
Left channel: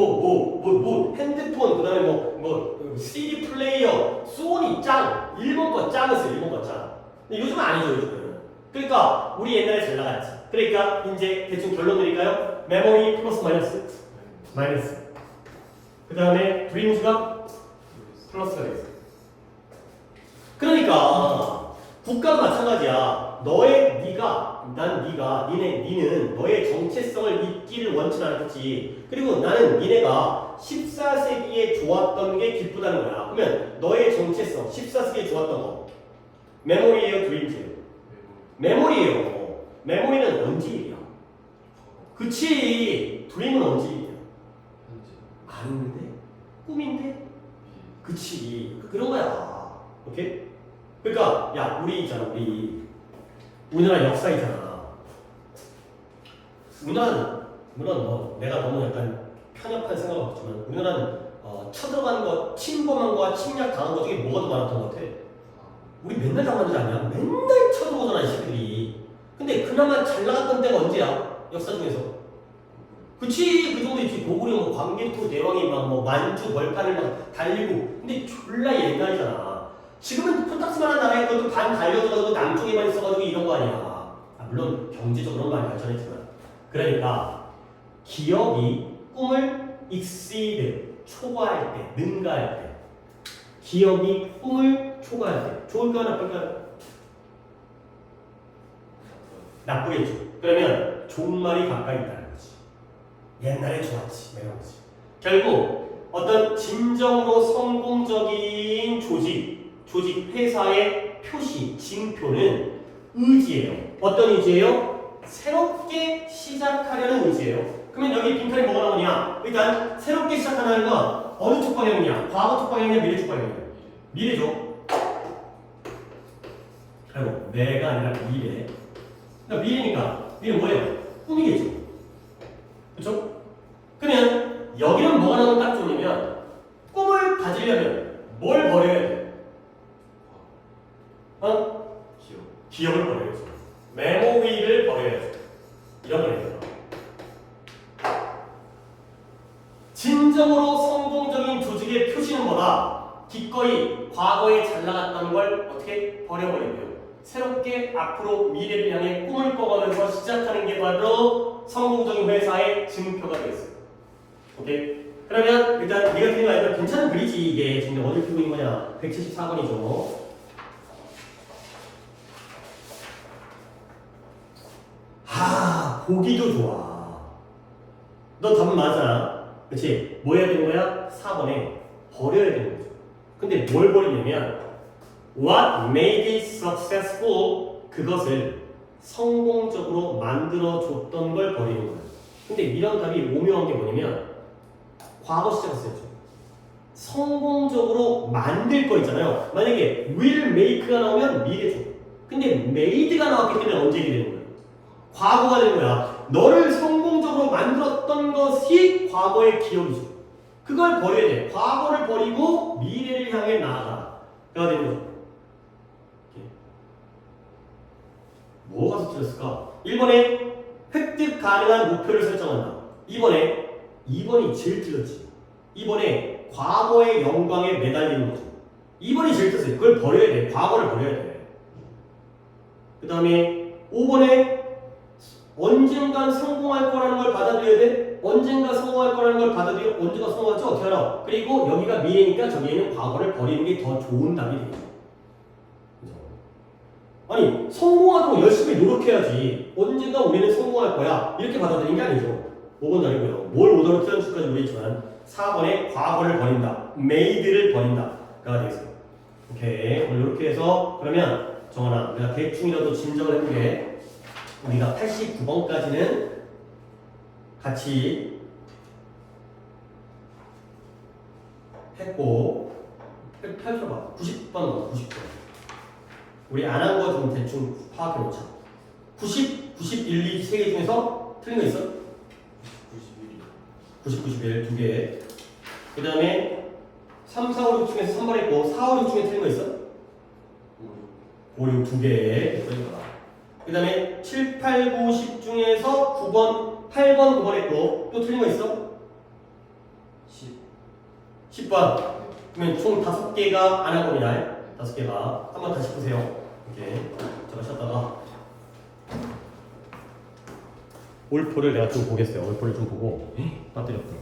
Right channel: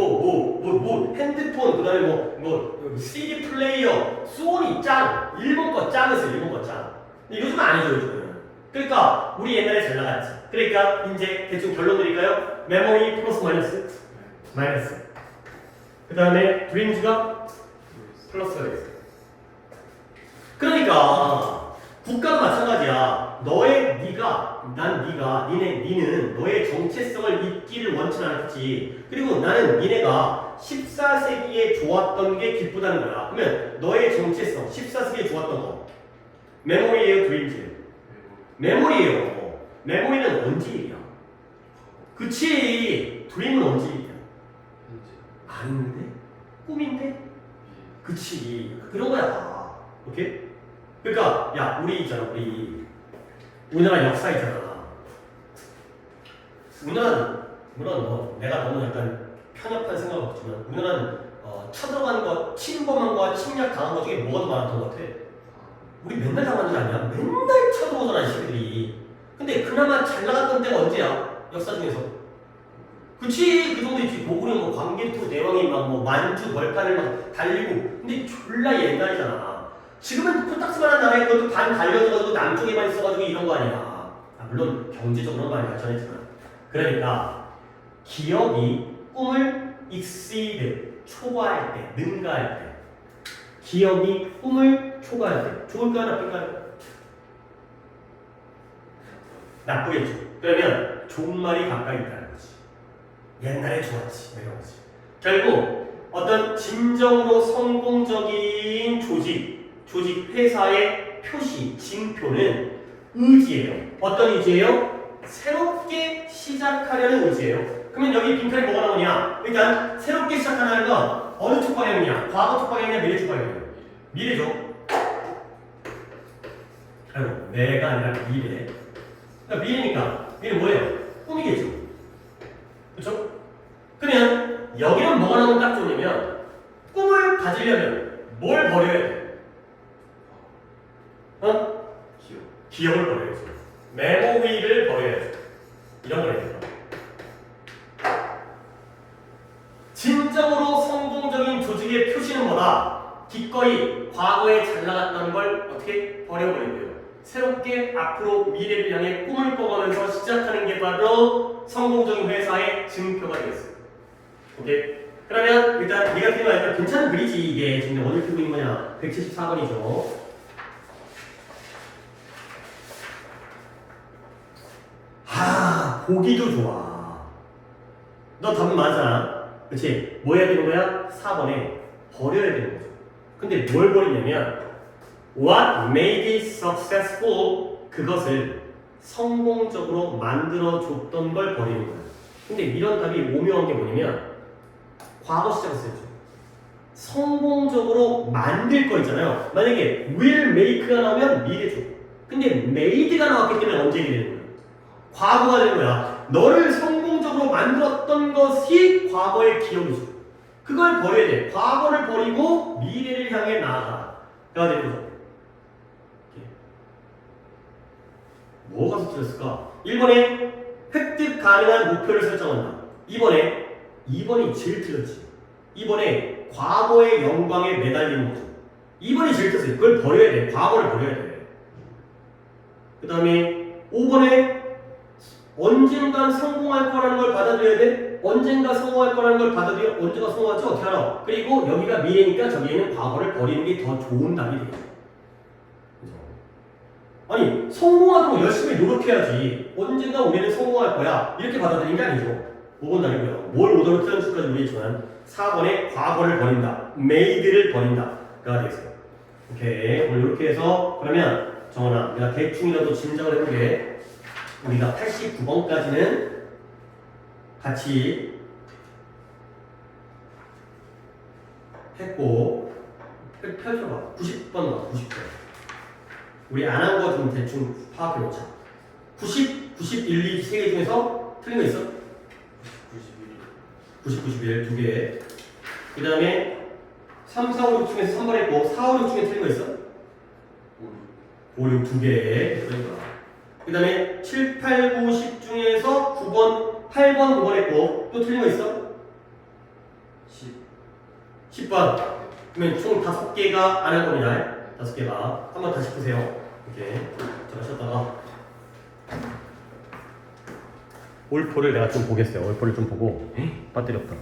핸드폰, 그다음에 CD 플레이어, 소니 짱, 일본 거 짱이었어요. 일본 거 짱. 근데 요즘은 아니죠, 요즘은. 그러니까 우리 옛날에 잘 나갔지. 그러니까 이제 대충 결론 드릴까요? 메모리 플러스 마이너스? 마이너스. 그 다음에 드림즈가 플러스가 되겠어. 그러니까 국가도 마찬가지야. 니는 너의 정체성을 잊기를 원치 않았지. 그리고 나는 니네가 14세기에 좋았던 게 기쁘다는 거야. 그러면 너의 정체성, 14세기에 좋았던 거. 메모리예요, 드림즈? 메모리예요. 메모리는 언제 일이야? 그치. 드림은 언제 일이야? 아닌데? 꿈인데? 그치. 그런 거야. 오케이? 그러니까 야 우리 있잖아. 우리나라 역사 있잖아. 우리나라는 물론 내가 너무 약간 편협한 생각을 갖지만 우리나라는 쳐들어간 거, 침범한 거와 침략 당한 거 중에 뭐가 더 많았던 것 같아? 우리 맨날 당한 줄 아냐? 맨날 쳐들어오잖아 이 새끼들이. 근데 그나마 잘 나갔던 때가 언제야? 역사 중에서. 그치, 그 정도 있지. 고구려 광개토 대왕이 만주 벌판을 막 달리고. 근데 졸라 옛날이잖아. 지금은 코딱지만한 나라에 그것도 반 달려져가지고 남쪽에만 있어가지고 이런 거 아니야. 물론 경제적으로는 많이 발전했지만. 그러니까 기억이 꿈을 exceed, 초과할 때, 능가할 때. 기억이 꿈을 초과할 때. 좋을까요, 나쁠까요? 나쁘겠죠. 그러면 좋은 말이 가까이 있다는 거지. 옛날에 좋았지, 이런 거지. 결국 어떤 진정으로 성공적인 조직 회사의 표시, 징표는 의지예요. 어떤 의지예요? 새롭게 시작하려는 의지예요. 그러면 여기 빈칸에 뭐가 나오냐? 일단 새롭게 시작하는 건 어느 쪽 방향이냐? 과거 쪽 방향이냐? 미래 쪽 방향이냐? 미래죠. 아이고, 내가 아니라 미래. 그러니까 미래니까 미래 뭐예요? 꿈이겠죠. 그렇죠? 그러면 여기는 뭐가 나오면 딱 좋냐면 꿈을 가지려면 뭘 버려야 돼? 기억을 버려야죠. 메모리를 버려야 돼. 이런 걸 얘기해요. 진정으로 성공적인 조직의 표시는 뭐다? 기꺼이 과거에 잘 나갔던 걸 어떻게 버려버리고요. 새롭게 앞으로 미래를 향해 꿈을 꿔가면서 시작하는 게 바로 성공적인 회사의 증표가 되겠어요. 오케이? 그러면 일단 네가 그린 거 약간 괜찮은 그리지. 이게 지금 어딜 펴고 있는 거냐? 174번이죠. 보기도 좋아. 너 답은 많잖아. 그치? 뭐 해야 되는 거야? 4번에 버려야 되는 거죠. 근데 뭘 버리냐면 What made it successful? 그것을 성공적으로 만들어줬던 걸 버리는 거야. 근데 이런 답이 오묘한 게 뭐냐면 과거 시작했었죠. 성공적으로 만들 거 있잖아요. 만약에 will make가 나오면 미래죠. 근데 made가 나왔기 때문에 언제 되는 거야? 과거가 되는 거야. 너를 성공적으로 만들었던 것이 과거의 기억이죠. 그걸 버려야 돼. 과거를 버리고 미래를 향해 나아가. 가 되는 거죠. 뭐가 틀렸을까? 1번에 획득 가능한 목표를 설정한다. 2번이 제일 틀렸지. 2번에 과거의 영광에 매달리는 거죠. 2번이 제일 틀렸어요. 그걸 버려야 돼. 과거를 버려야 돼. 그 다음에 5번에 언젠간 성공할 거라는 걸 받아들여야 돼. 언젠가 성공할 거라는 걸 받아들여. 언제가 성공할지 어떻게 알아? 그리고 여기가 미래니까 저기에는 과거를 버리는 게 더 좋은 답이 되죠. 아니 성공하도록 열심히 노력해야지. 언젠가 우리는 성공할 거야. 이렇게 받아들이는 게 아니죠. 5번 아니고요. 뭘 오더로 틀렸을까지 모르겠지만 4번에 과거를 버린다. made를 버린다가 되겠어요. 오케이. 오늘 이렇게 해서 그러면 정원아, 우리가 대충이라도 짐작을 해보게. 우리가 89번까지는 같이 했고 펼쳐봐. 90번 넣어. 90번. 우리 안 한 거 좀 대충 파악해 놓자. 90, 91, 2 세 개 중에서 틀린 거 있어? 90, 91 두 개. 그 다음에 3, 4, 5, 6 중에서 3번 했고 4, 5, 6 중에 틀린 거 있어? 5, 6 두 개. 그 다음에 7, 8, 9, 10 중에서 9번, 8번, 9번 했고 또 틀린 거 있어? 10번. 그러면 총 5개가 안 할 겁니다. 5개가. 한번 다시 보세요. 이렇게. 자, 쉬었다가. 올포를 내가 좀 보겠어요. 올포를 좀 보고. 배터리 없다.